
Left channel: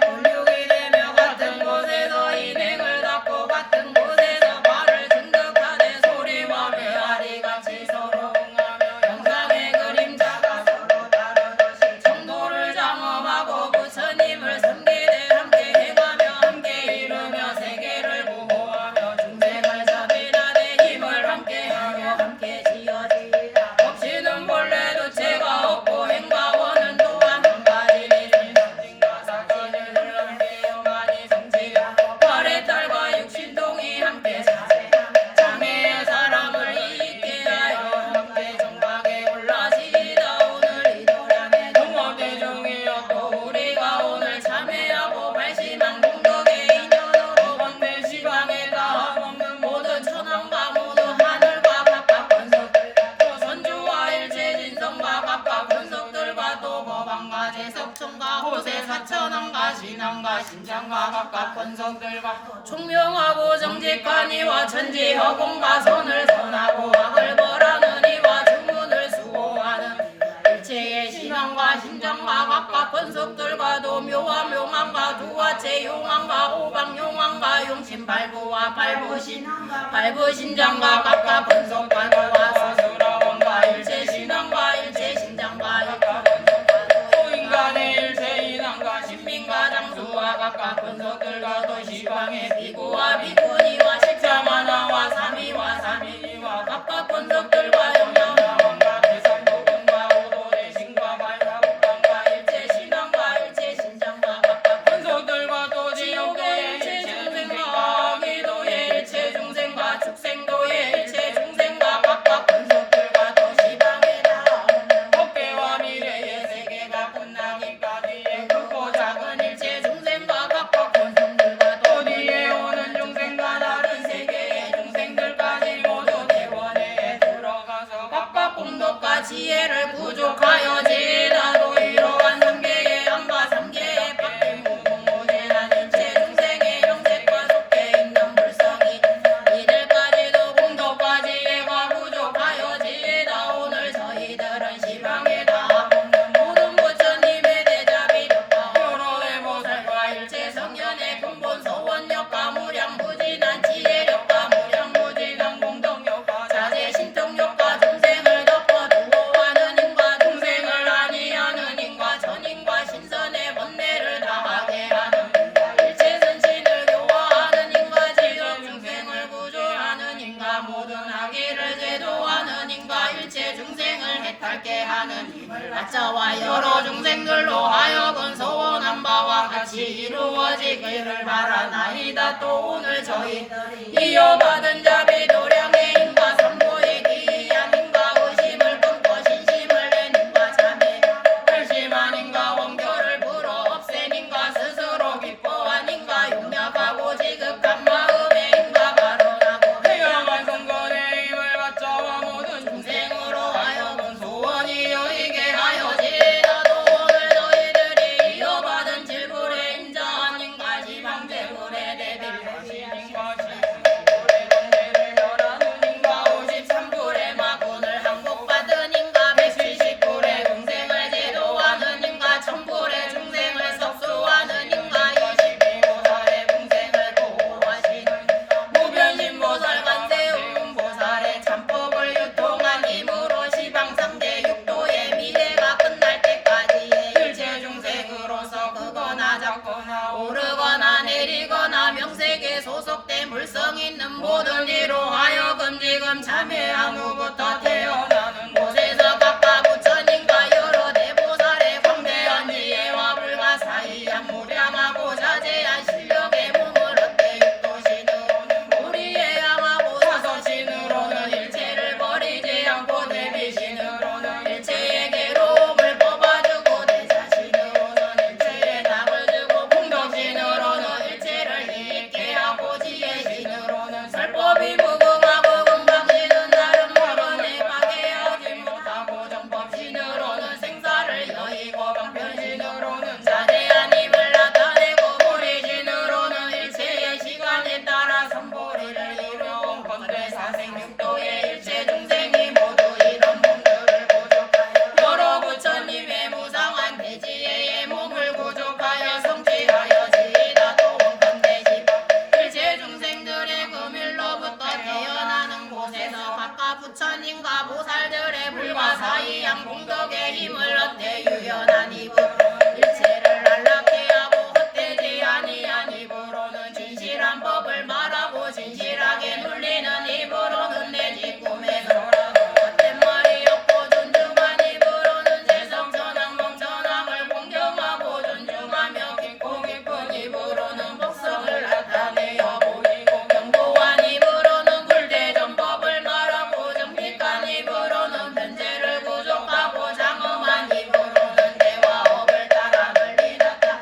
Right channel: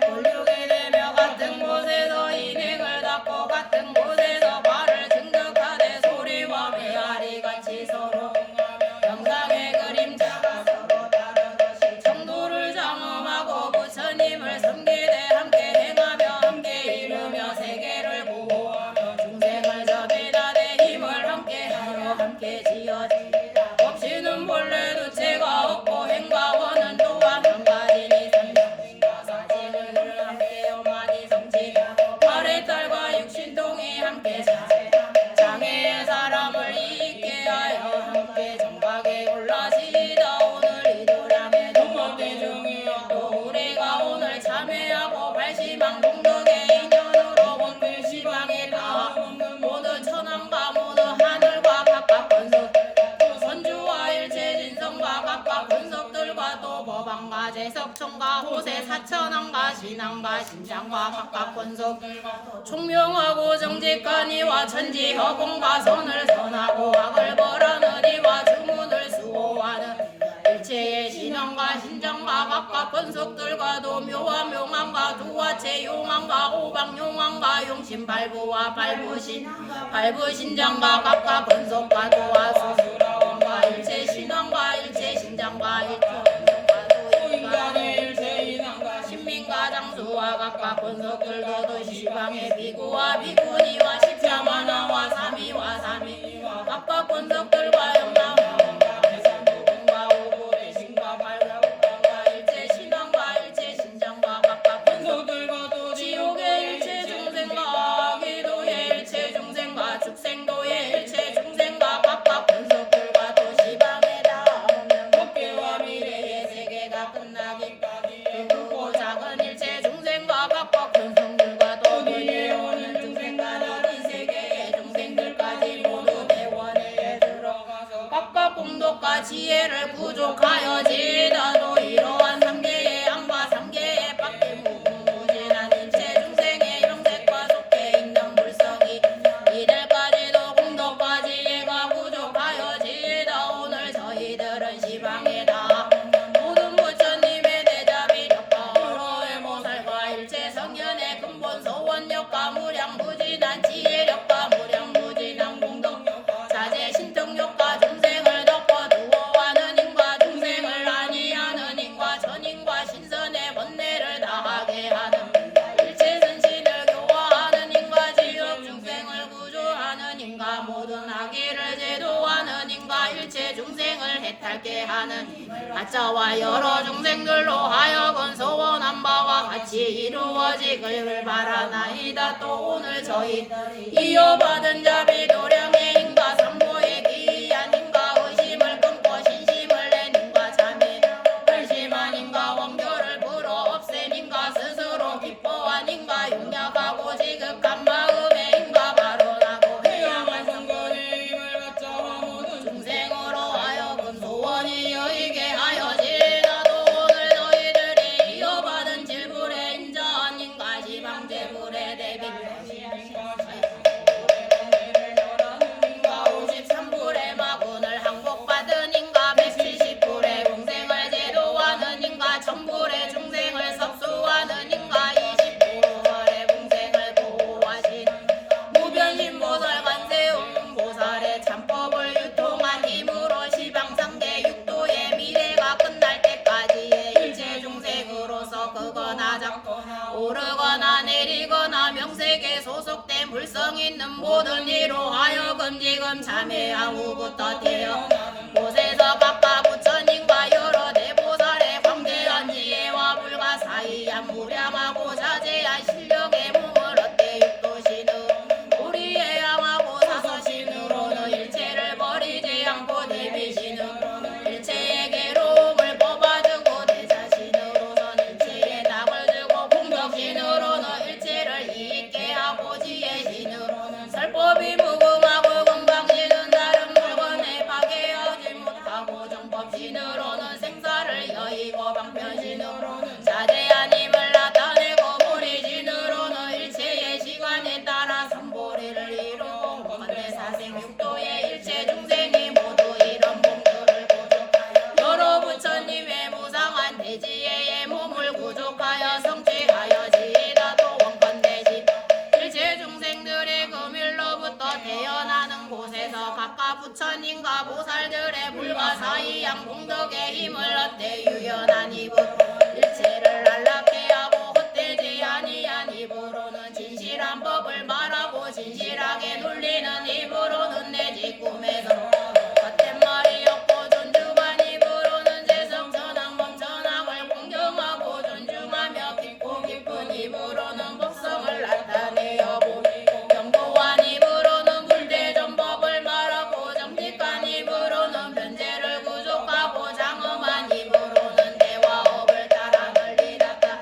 권력이 되며 같은 곳에서 인행을 닦고 같은 곳에서 발을 등극하되 소리와 메아리 같이 서로 영상의 그림자가 서로 다르듯이 정도를 장엄하고 부처님을 섬기되 함께 행하며 함께 이루며 세계를 보호하며 중생을 자비하되 힘을 함께하며 함께 지어지리라. 없이는 본래 두체가 없고 행과원은 또한 한 가지니 생명과 사실을 함께요 많이 성취하고 발의 딸과 육신동이 함께 장애의 사람을 잊게 하여 함께 정박에 올라지다. 오늘 이도량의 동업이 중이었고 우리가 오늘 참회하고 발심한 공덕의 인연으로 왕별시방에 다 없는 모든 천왕과 모든 하늘과 각각 권속들과 또 선주와 일체진성과 각각 권속들과 또 법왕과 대석천과 호세 사천왕과 신왕과 심창과 각각 권속들과 또 총명하고 정직한 이와 천지 허공과 선을 선하고 악을 벌하는 이와 주문을 수호하는 일체의 신왕과 심장과 각각 번석들과도 묘와 묘망과 두화체 용왕과 오방용왕과 용신 발부와 발부신 발부신장과 각각 번석과 두화 소수라왕과 일체 신왕과 일체 신장과 인간의 일체인왕과 신민과 당수와 각각 번석들과도 시방의 비구와 비구니와 십자만왕과 삼위와 삼위와 각각 번석들과 영양왕과 대상부군과 오도의 신과 발라국왕과 일체 신왕과 일체 신장과 각각 번석들과도 지옥의 일체 중생과 아기도의 일체 중생과 축생도의 일체 중생과 각각 번석들과도 시방에 닿는 법계와 미래의 세계가 끝나기까지의 크고 작은 일체 중생과 각각 번성들과도 뒤에 오는 중생과 다른 세계의 중생들까지 모두 대원에 들어가서 각각 공덕과 지혜를 부족하여 제다도 이러한 삼계의 안과 삼계의 밖에 무궁무진한 일체 중생의 영색과 속해 있는 불성이 이들까지도 공덕과 지혜가 부족하여 제다 오늘 저희들은 시방에다 모든 부처님의 대자비 덕과 여러의 보살과 일체 성현의 근본 소원력과 무량무진한 지혜력과 무량무진한 공덕력과 사제 신통력과 중생을 덮어 두어하는 힘과 중생을 아니하는 힘과 전힘과 신선의 번뇌를 다하게 하는 일체 선신을 교화하는 힘과 지역 중생을 구조하는 힘과 모든 악의를 제도하는 힘과 일체 중생을 해탈게 하는 힘을 가짜와 여러 중생들로 하여금 소원한 바와 같이 이루어지기를 바라나이다. 또 오늘 저희들이 이어받은 자비 도량의 힘과 참고의 기이한 힘과 의심을 끊고 신심을 낸 힘과 참회 결심한 힘과 원교를 불어 없앤 힘과 스스로 기뻐한 힘과 용약하고 지극한 마음의 힘과 발언하고 태양의 선거의 힘을 바쳐와 모든 중생으로 하여금 소원이 여이게 하여 지나도 오늘 너희들이 이어받은 질불의 인자한 힘과 지방제불의 대비 힘과 53불의 마군을 항복받은 힘과 170불의 공생을 제도하는 힘과 1000불의 중생을 섭수하는 힘과 20불의 공생을 보호하신 무변신 보살 관대음 보살의 참법을 유통한 힘으로 시방상대 육도의 미래가 끝날 때까지의 일체 중생으로서 크거나 작거나 오르거나 내리거나 명색에 소속된 불성 있는 모든 이로 하여금 지금 참회한 후부터 태어나는 곳에서 각각 부처님과 여러 대보살의 광대한 지혜와 불가사의한 무량하고 자제한 실력의 몸을 얻게 육도신으로는 우리의 양하고 사소신으로는 일체를 버리지 않고 대비신으로는 일체의 괴로움을 뽑아주고 대자신으로는 일체의 답을 주고 공덕신으로는 일체를 이익게 하고 지혜신으로는 설법이 무궁하고 금방지는 다른 물건에 파괴하지 못하고 정법신으로는 생사를 여의고 방편신으로는 자대한 힘을 나타내고 무리신으로는 일체의 시간에 따라 삼보리를 이루고 건대 사생육도의 일체 중생이 모두 이런 몸들을 부족하여 여러 부처님의 무상한 대지혜의 몸을 부족하여 성취하여 지이다도 원건대지 일체 중생들의 금일로부터 태어나는 곳에서 각각 부처님과 보살들의 불가사의한 공덕의 힘을 얻되 유연한 입으로 일체를 안락해 하고 헛되지 아니한 입으로는 진실한 법을 말하고 진실하게 눌리는 입으로는 내지 꿈에도 헛된 말이 없고 존중한 입으로는 세상전학 멍전학을 공경하고 존중하며 깊고 깊은 입으로는 법성을 나타내어 보이고 견고한 입으로는 굴대전 법을 말하고 정직한 입으로는 변제를 구족하고 장엄한 입으로는 대화업을 따라 널리 닫다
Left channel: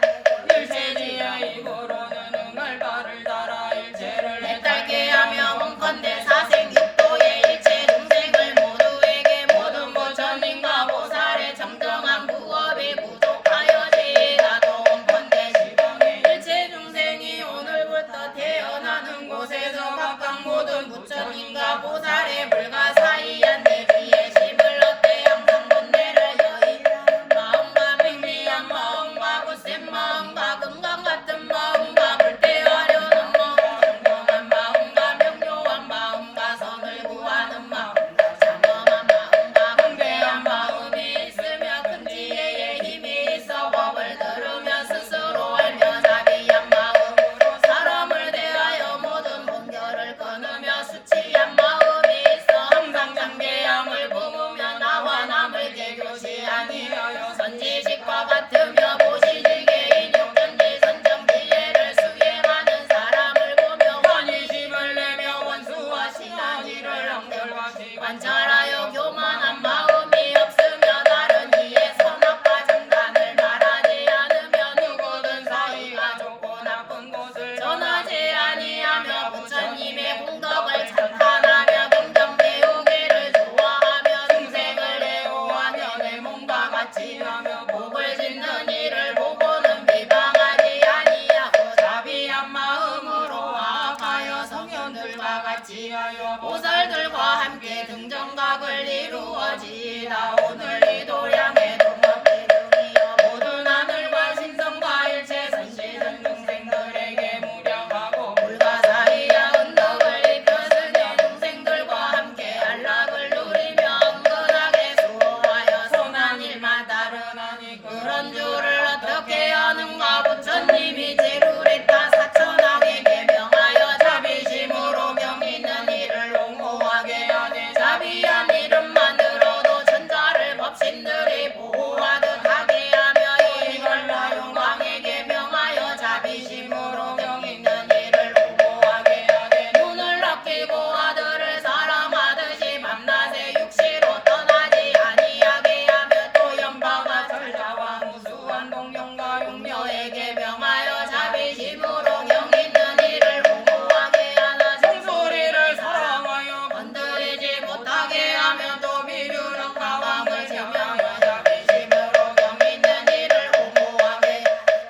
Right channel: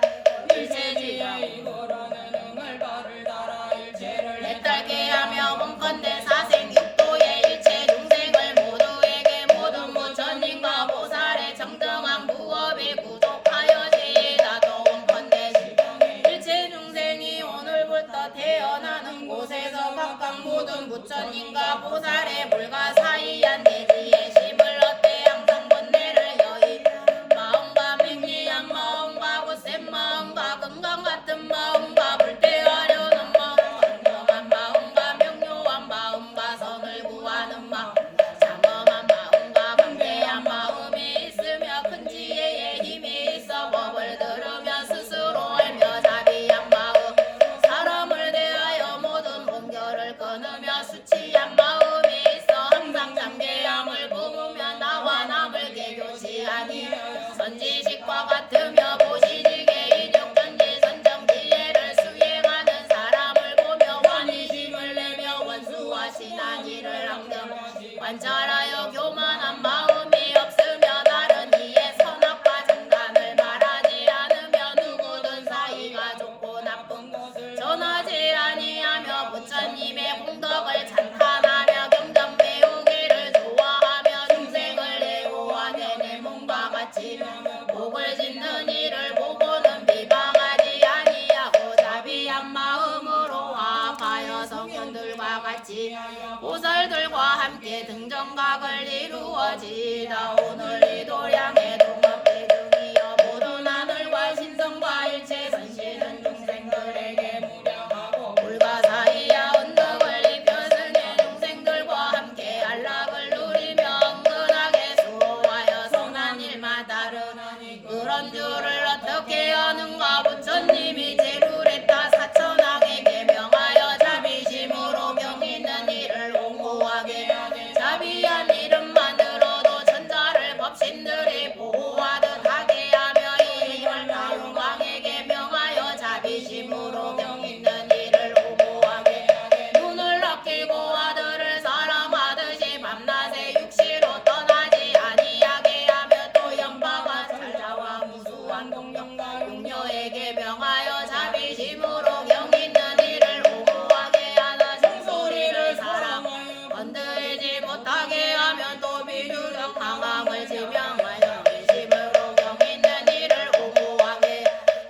일체지의 입으로는 응을 따를 따라 일체를 해탈게 하며 원컨대 사생육도의 일체 중생을 모두에게 모든 부처님과 보살의 정정한 부업이 구족하여 제다도 원컨대 지방의 일체 중생이 오늘부터 태어나는 곳에서 각각 모든 부처님과 보살의 불가사의한 대지의 심을 얻되 항상 번뇌를 여의 마음과 맹미한 위하여 보살들과 함께 등정각을 이루어지다. 오늘 이 도량의 동업대등이여 모든 하늘과 신성과 일체 선시는 중생들에게 무량하고 불가사리야 언덕을 입혀들 내 중생들과 함께 안락을 누리며 은근하게 수호하여 성한 일만 따르나니 그런 줄을 어떻게 아는가. 부처님이 제루레타 사천왕에게 명하여 자비심으로 명있는 이를 옹호하게 하되 자비한 이름만 들어도 천자를 법신들이 보호하듯 하게 하며 이 혈마용왕에게 명하여 자비심으로 명있는 이를 옹호하게 하되 눈을 아끼고 아들을 사랑하듯이 밤낮에 육시로 떠나지 아니하게 하며 또 연방과 설자와 무수한 동령과 용녀에게 명하여 자비심으로 명있는 이를 옹호하게 하나 종소리를 사랑하여 건드리지 못하게 하며 또 비류령 마감을 지명하여 자비심으로 명있는 이를 옹호하게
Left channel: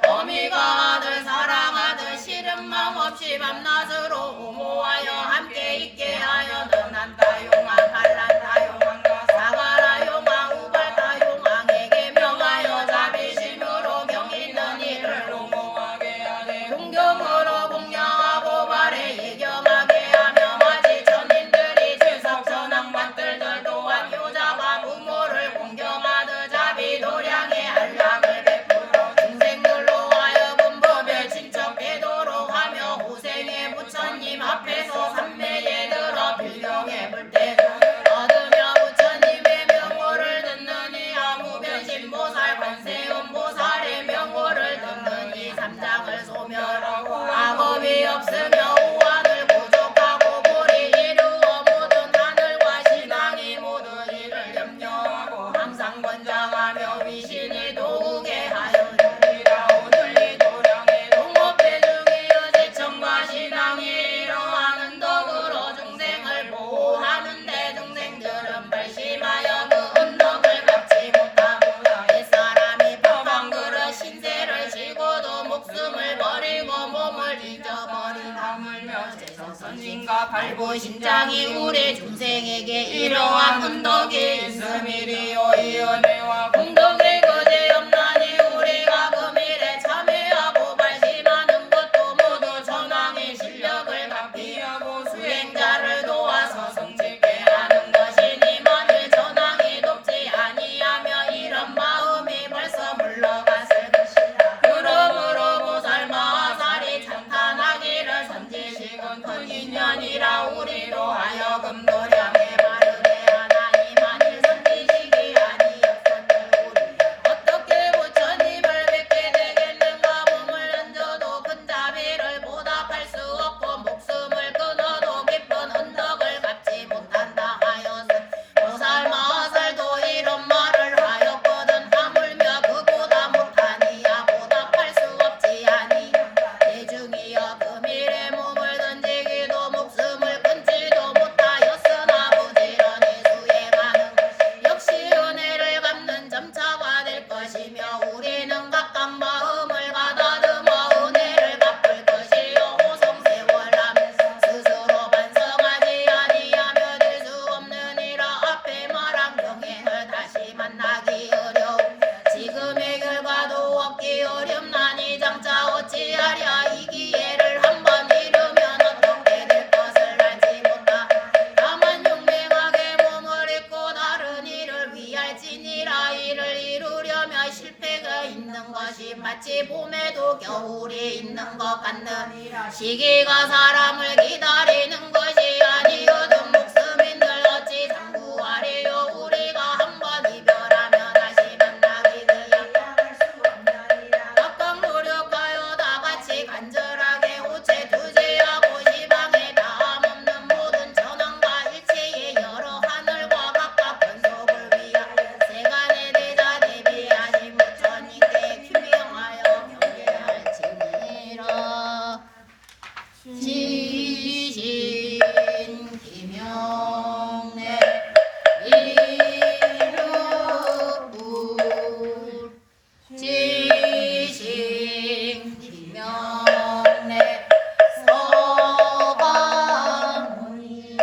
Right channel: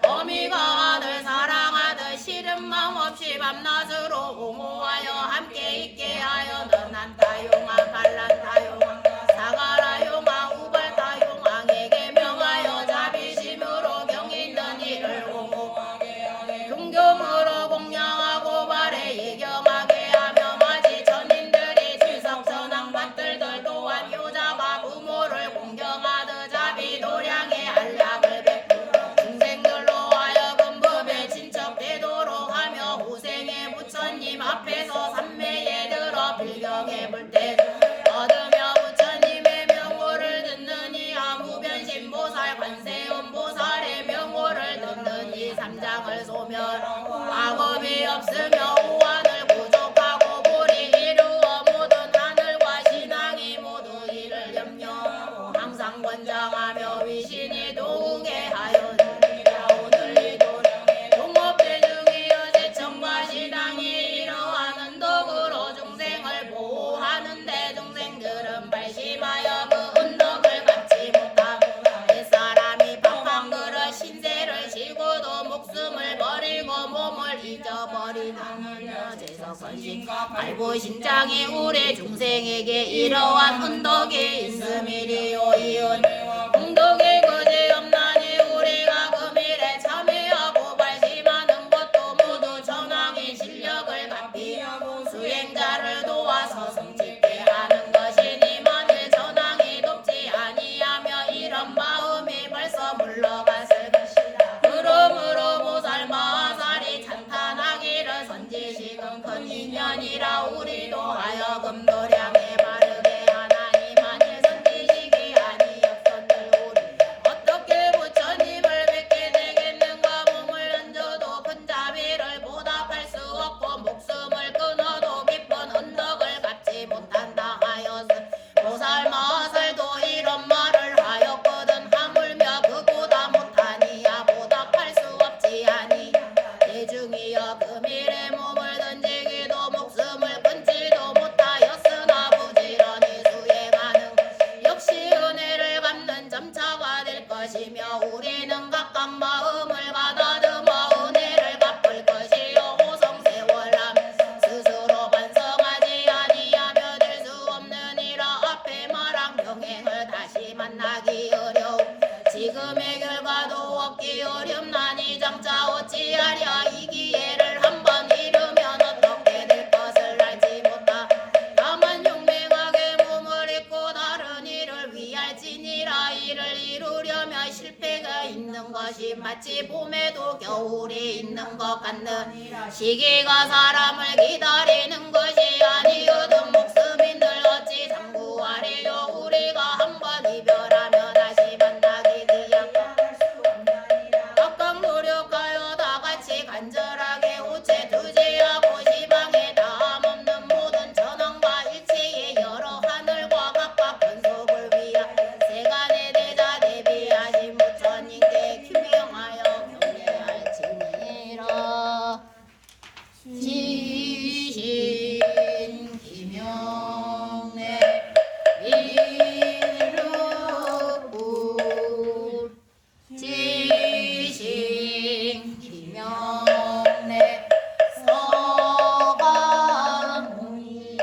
어미가 아들 사랑하듯 싫은 마음 없이 밤낮으로 옹호하여 함께 있게 하여 너난다 용아 갈란다 용왕과 사가라 용아 우발다 용왕에게 명하여 자비심으로 명있는 이를 옹호하게 하되 동경으로 공양하고 발에 예경하게 하며 마지 전인들이 질성천왕 만들들 또한 효자가 부모를 공경하듯 자비 도량의 안락을 베풀어 중생들로 하여금 법에 친척되도록 하며 후생의 부처님 앞에서 삼매에 들어 빌경에 불때 얻으며 부처님의 명호를 듣느니 아무변신보살 관세음보살의 명호를 듣느니 삼장을 소멸하고 악업이 없으며 우환을 부족하고 불이 이루어 모든 하늘과 신앙이 모두 이를 염려하고 항상 권장하며 위신이 도우게 하여주리라. 오늘 이 도량의 동업대중이여 제천과 신앙이 이러한 은덕으로 중생을 보호하는데 중생들은 발심하여 그 은덕을 갚지 못하고 옛사람이 팡팡 그릇 신세를 지고도 목숨을 버리고 몸을 잊어버리다물며 제석선신과 발부신장이 우리 중생에게 이러한 은덕이 있음이리요. 이 은혜와 공덕이 그지없나니 우리가 금일에 참회하고 발심하는 것도 모두 전왕의 실력을 갚이하고 수행자를 도와서 성직게 하는 것이니 만일 전왕이 돕지 아니하며 이런 마음이 벌써 물러갔을 것이다. 그러므로 보살 마하살이 찬탄하기를 선지식은 큰 인연이라 우리도 하여금 도량에 바르게 하나니 만일 선지식이 아니었던들 우리 어떻게 부처님을 뵙게 되겠는가. 몸을 던져도 큰 자비를 보답할 수 없고 목숨을 끊어도 깊은 은덕을 갚지 못한다 하여서 보살 마하살도 이런 말을 하였거든. 하물며 그보다 못하니야 보답할 수 없지 아니 대중이여 금일에 몸을 던지기도 목숨을 끊지도 못하였으나 부지런히 수행하는 역시 은혜를 갚는 점차가 될 것이며 우리는 각각 마음을 가다듬어 은혜를 갚을 것이요 호성세월하면서 스스로 반성하지 아니하며 될 수 없느니라. 앞에 말한 병행을 다시 만나기 어려움 지금의 결과도 얻기 어렵나니 장차 어찌하랴. 이 기회를 한번 잃으면 어떻게 될 것을 알지 못하 다만 용맹하게 몸을 잊고 다른 일을 위할지니라. 이를 이루려면 실패가 있는 것이 마치 봄에도 겨울이 있는 것 같는 시기가 사람을 기다리는 것이 아니거든. 목숨인들 어찌 상구하리요. 우리가 한번 이별하면 다시 만나기 기약할 수 없나이다. 각각 노력하여 다 같이 간절하게 우체 투지하고 시방에 다함 없는 모든 전원과 일체의 여러 하늘과 각각 근속을 위하여 세간에 대자 대비하신 부처님께 규명하여 경례할지니라. 지신 기명내 이루불 지신 기명내 서가모니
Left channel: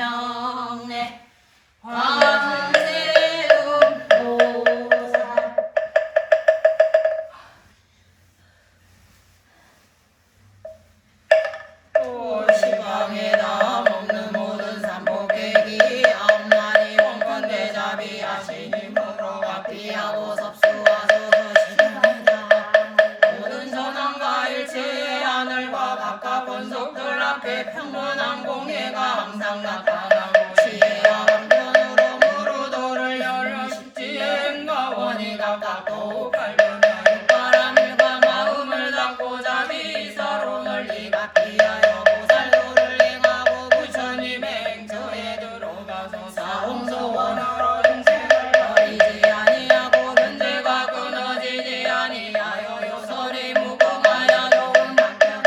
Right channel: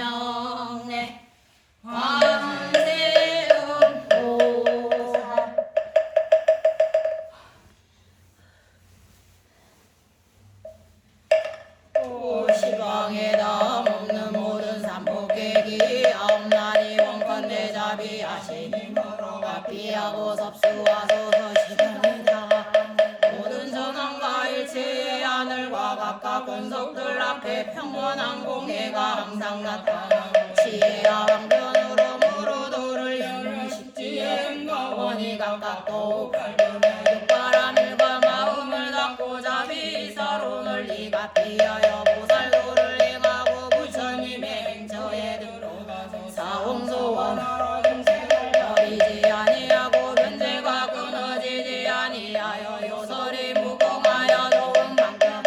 김영래 관세음 보살 또 시방에다 먹는 모든 삼복객이 아홉날이 원권대잡이 아침이므로 앞이하고 섭수와서 서시는이다. 모든 전황과 일체의 하늘과 각각 권속들 앞에 평온한 공예가 항상 나타나고 시의 하방편으로 무르도를 열을 십지에 원이 각각 또 바람일과 마음을 닫고 잡이 서로 널리 같이하여 보살도를 행하고 부처님의 행처에 들어가서 사홍소원하러 중생을 버리지 아니하고 견딜과 끊어지지 아니하여 요설이 무궁하여 좋은 만큼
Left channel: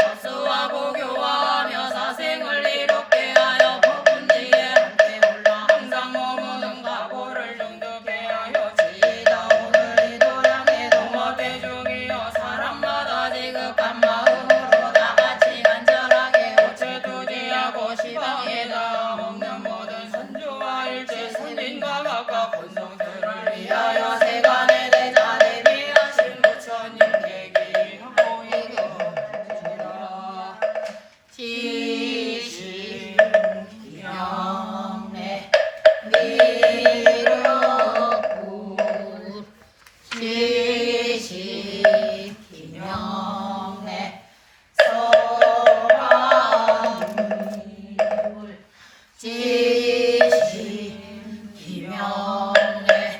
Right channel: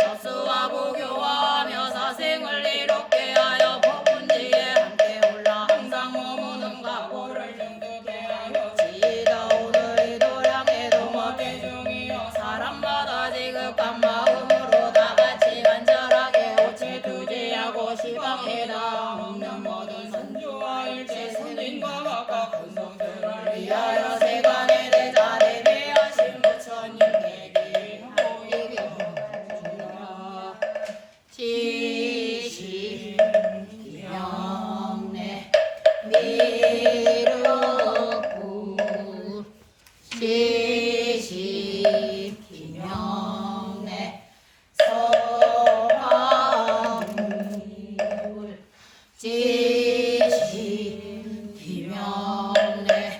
접수하고 교화하며 사생을 이롭게 하여 법문지에 함께 올라 항상 머무는 각오를 정득게 하여 지다 오늘 이 도량의 동업의 중이여 사람마다 지극한 마음으로 다같이 간절하게 옷을 투지하고 시방에다 먹는 모든 선주와 일체 스님과 각각 본성들을 위하여 세간의 대자 대비하신 부처님께 기도드리라. 지시 기명래 미륵구 지시 기명래 서방불 지시 기명래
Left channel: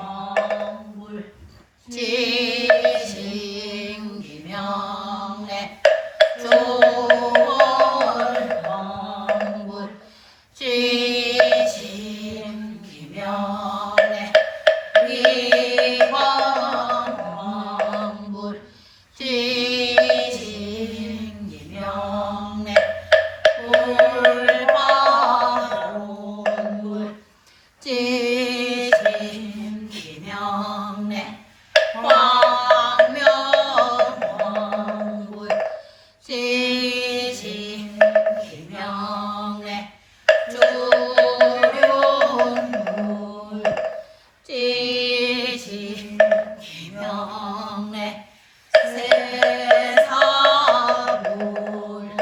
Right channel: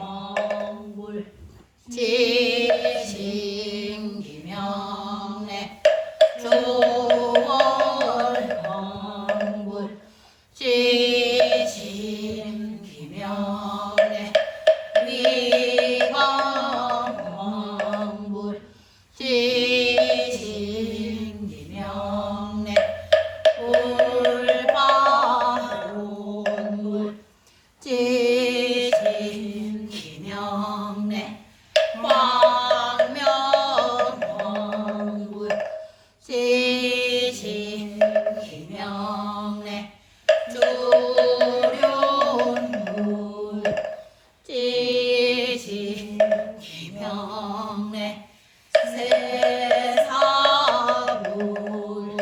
위해망불 지신 기명래 조월방불 지신 기명래 위광방불 지신 기명래 불방불 지신 기명래 광명왕불 지신 기명래 주룡불 지신 기명래 세사불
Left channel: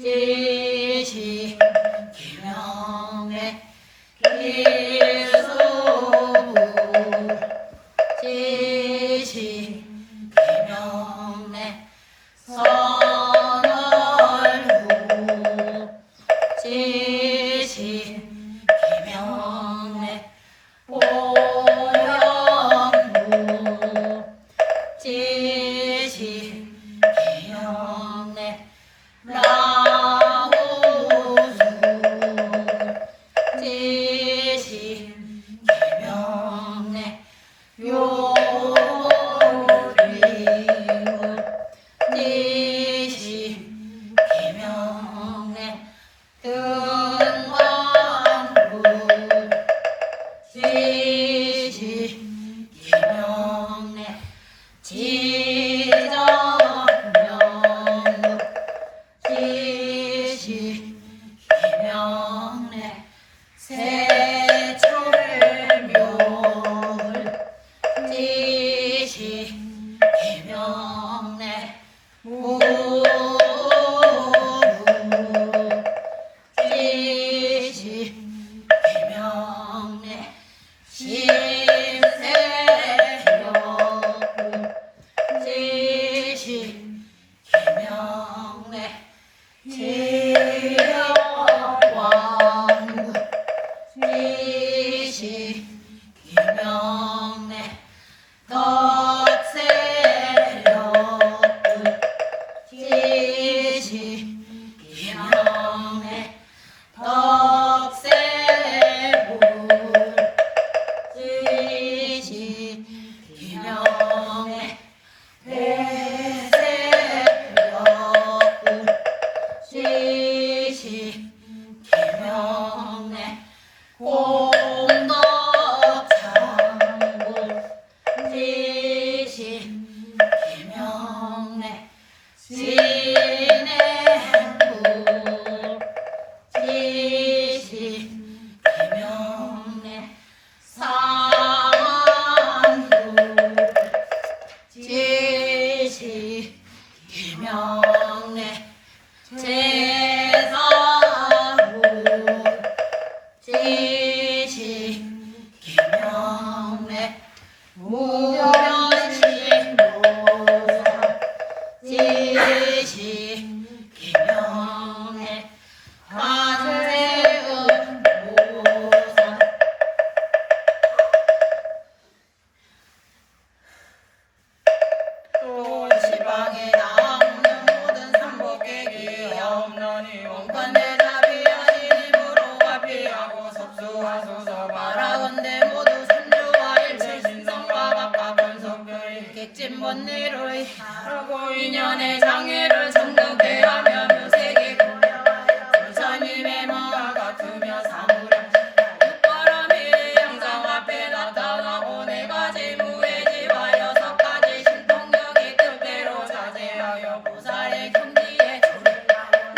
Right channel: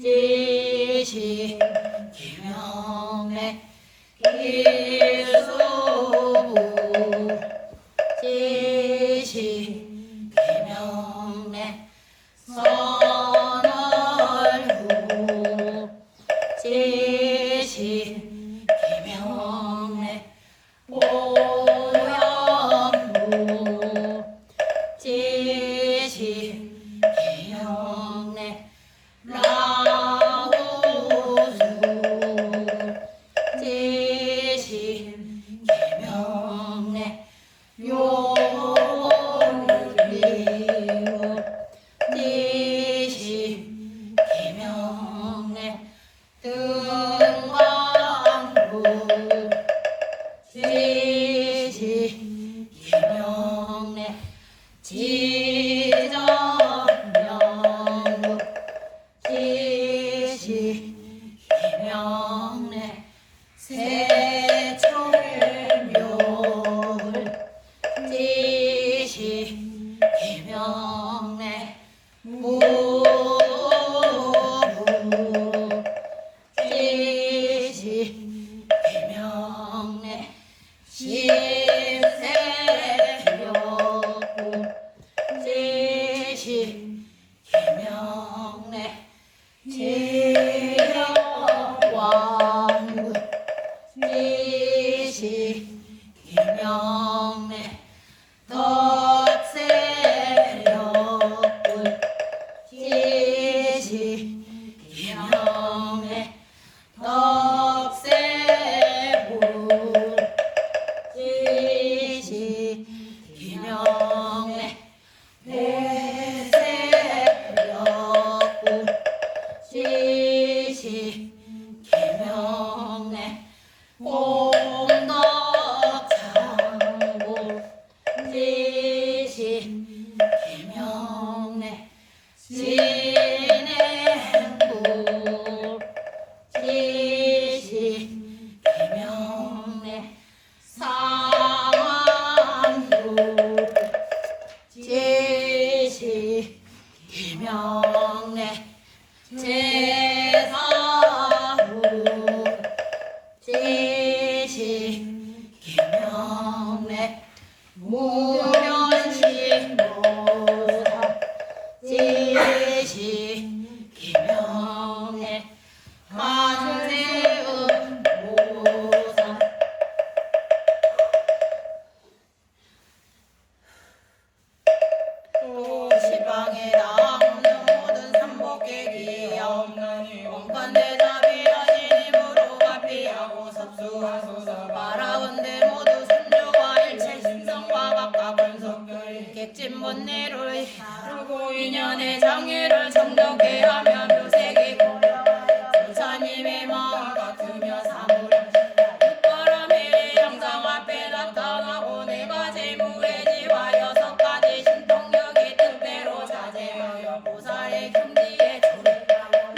지신 기명래 길수불 지신 기명래 서 번뇌를 하고 인연의 장애를 정덕해 하며 묘색이 보여 조사님의 마음 같으며 사무량 육바람이 영장 앞에 나타나고 네 가지 무해지와 여섯 가지 신통력이 뜻대로 사제하여 보살의 경지에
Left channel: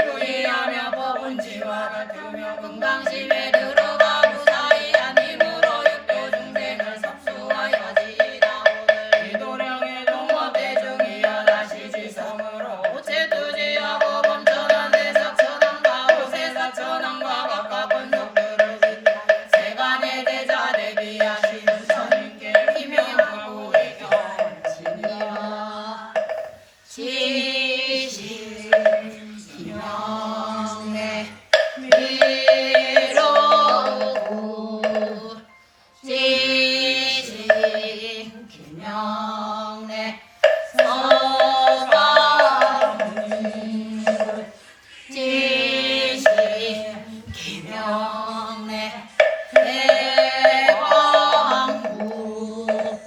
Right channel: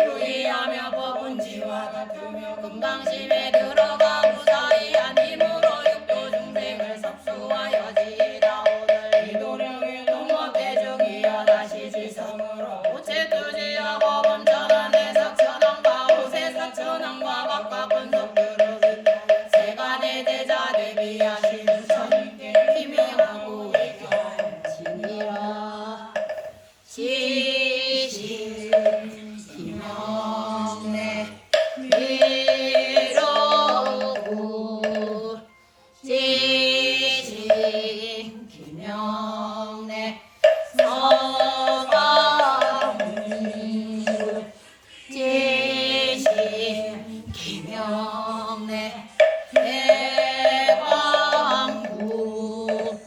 유의하며 법은지와 같으며 금강심에 들어가 무사히한 힘으로 육도 중생을 섭수하여 지이다 오늘 이도령의 동업대중이여 다시 지성으로 오체투지하고 범천한 대석천왕과 오세사천왕과 각각 권속들을 세간의 대자 대비하시는 천인께 희명하고 외경지니라 시시 명내 미로구 지시 김명내 서가문구 지시 김명내 대광구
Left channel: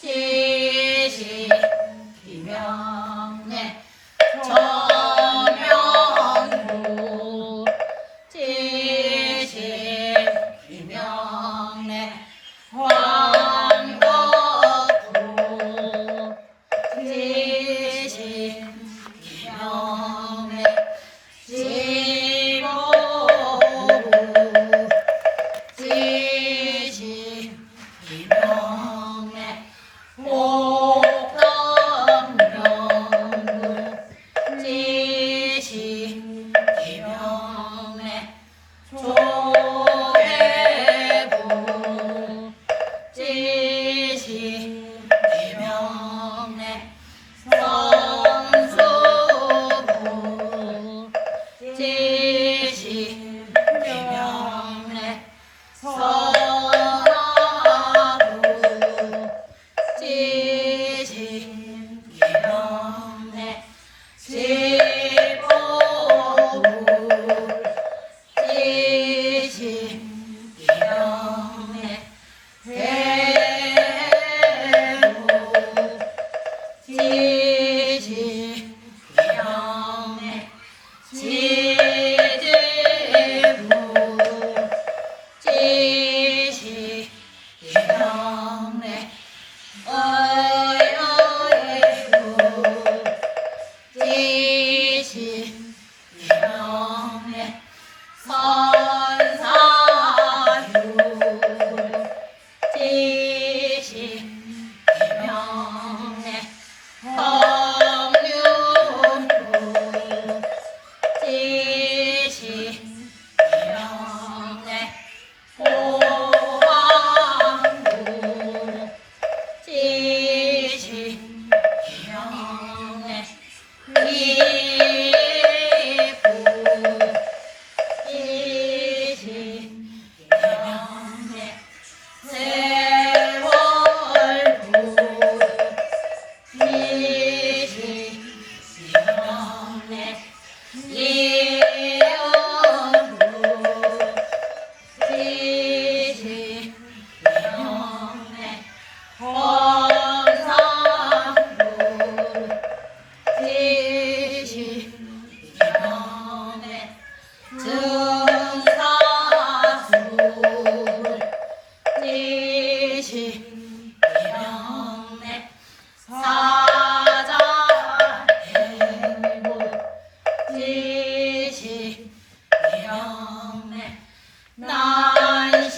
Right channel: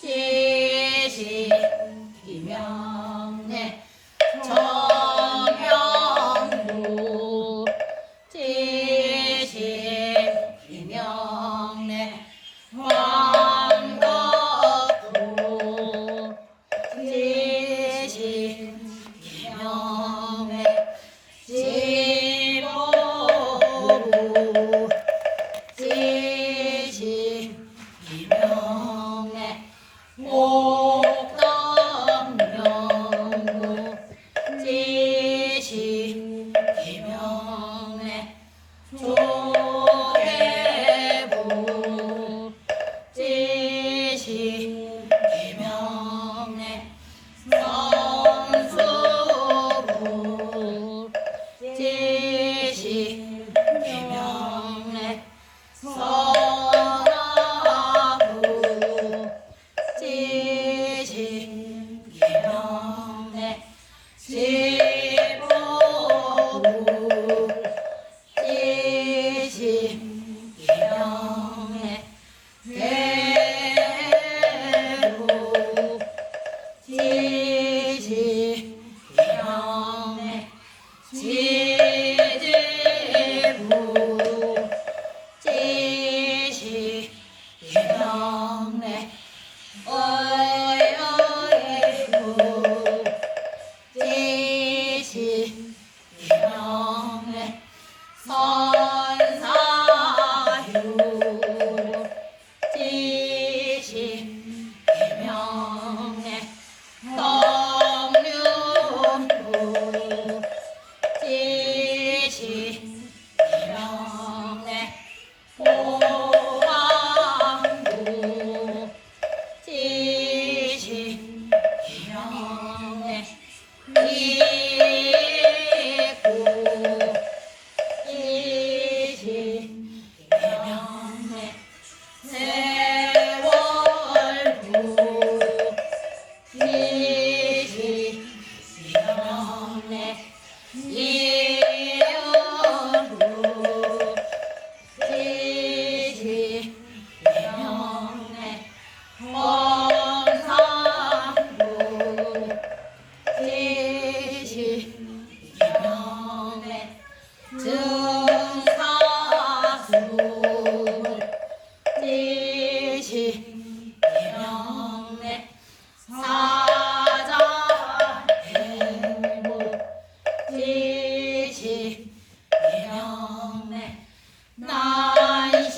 지시 김명내 전명구 지시 김명내 황덕구 지시 김명내 지보구 지시 김명내 목덕명구 지시 김명내 조대구 지시 김명내 성수구 지시 김명내 선화구 지시 김명내 지보구 지시 김명내 대구 지시 김명내 지제구 지시 김명내 어여예구 지시 김명내 선사유 지시 김명내 성윤구 지시 김명내 호황구 지시 김명내 이부 지시 김명내 세월구 지시 김명내 이연구 지시 김명내 원상구 지시 김명내 증사수 지시 김명내 사자행구 지시 김명내 난시부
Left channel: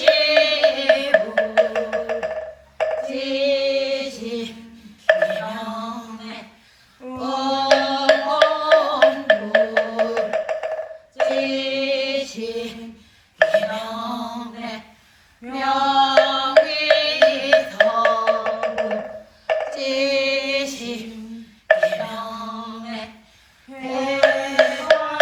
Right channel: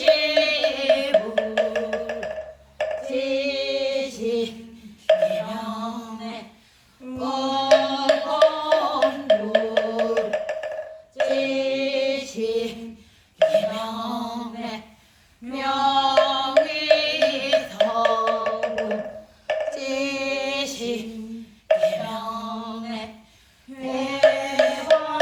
지시 김명내 원곤두 지시 김명내 명의터구 지시 김명내 회화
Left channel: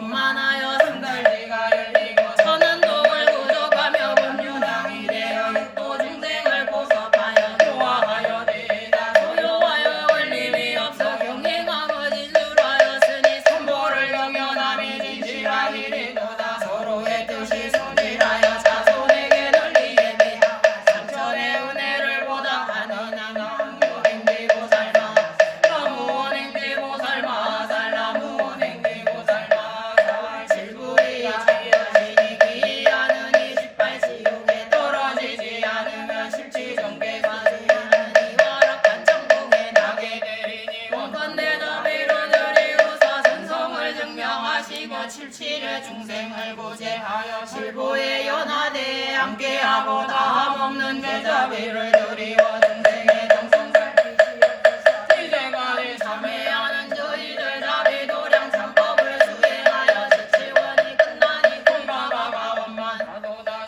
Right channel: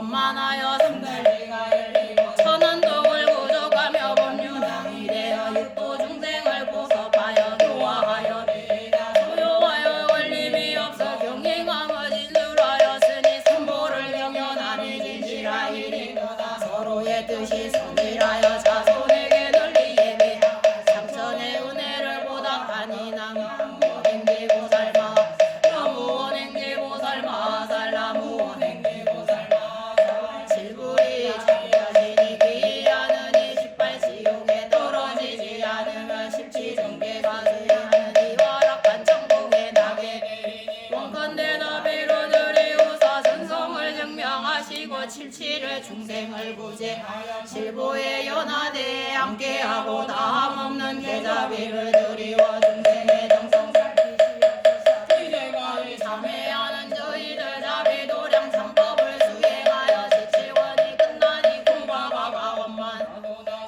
원만하여 승달 승달지가 열리고 천안동을 구족하며 법륜왕이 되어 육도 중생을 보섭하여 묘화하여 대다 소요하여 원림이 없어 경행함을 진술하였으니 선보를 경연함이 진실하이리 서로의 뜻이 순일하여 자손에게 널리 예배하며 삼천의 은혜를 보답하니 나무원행되고 살마 나무원행되고 살마 살나무원행되고 살마 질부리 자기라시니 기하느니 18지옥에 떨어지지 않으면 십지정계가 되하느니 허락한 천국에 나게 되리니 원컨대 나비로 드리우사 선성을 증명하시고 칠칠의 중생을 구제하여 칠보에 연하대에 함께하고 다함없는 대자비를 드리워 중생의 정성 이제까지 참회하는 저희들 다비도량 참법을 수행하여 지치원이 끝나니 공과가 가원만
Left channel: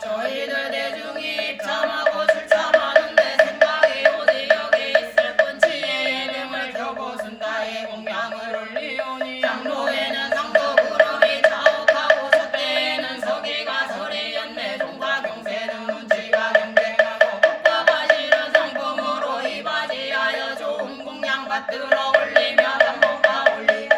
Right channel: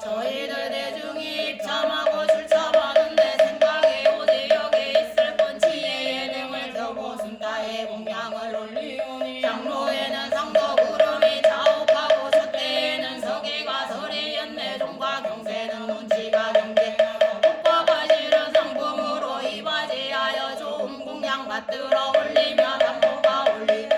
저희들 대중이 입참하고 출참하는데 생각에 오지 여기 있을 본치의 예능을 펴고 순가의 공양을 올리오니 장로에는 상도 구름이 자욱하고 솥대에는 서기가 설이었네 동과 경세는 문치가 경쟁하고 꽃과 실은 상품으로 이바지하여 좋은 공양 받들어 올리며 삼복가 올리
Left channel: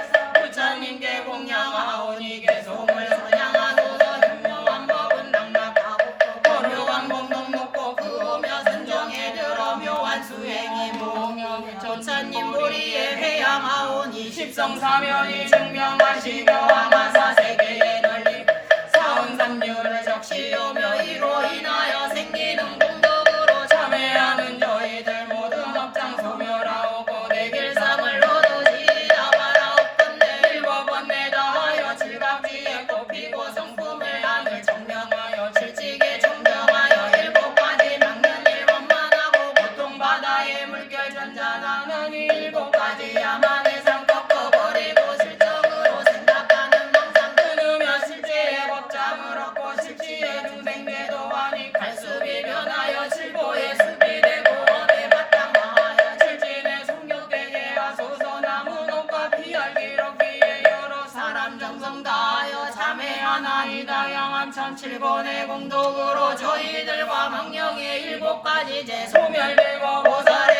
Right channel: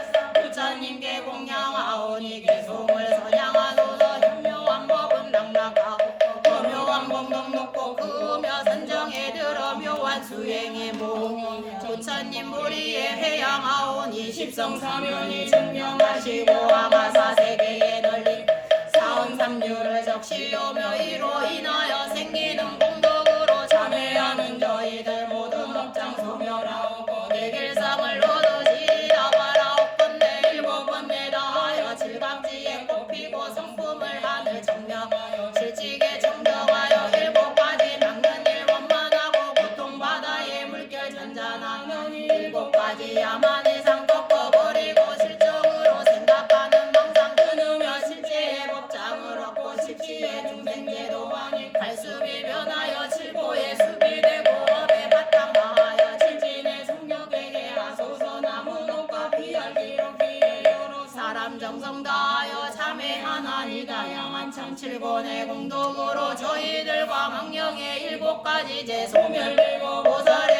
부처님께 공양하오니 개송을 선양하소서 현묘한 법은 낙락하고 거묘한 법록 높고 그으며 선정에 들어 묘한 수행이 몽영 조천님 무리에 해양하오니 십성사면이 증명하시고 아마사세계에 널리 사음삼류를 적시오며 이로 인하여 생기는 공덕으로 참회하는 저희들 모두 덕장 소멸하오고 내길상을 얻으시다 바라옵건대 일곱번내 다하여 칠갑지에 꽃피고 성품을 하늘 청명하여 칠직에 청정하여 일곱가지 명령을 원만하고 고통바다에 물결 잔잔하느니 일곱가지 야만의 상 꺾어버리고 실정으로 생각하는 망상 끊으며 실제의 법장을 얻고 실지의 중생대도 하니 갈수비 변하여 칠보의 수비되고 업에 바탕하여 칠진의 성욕에게 하소서 나무 녹과 피할 기록기에 여러 사람 정성 다하여 참회하나니 다양한 천칠권의 공덕으로 저희들과 망령의 일곱가지 제 소멸되고 보살의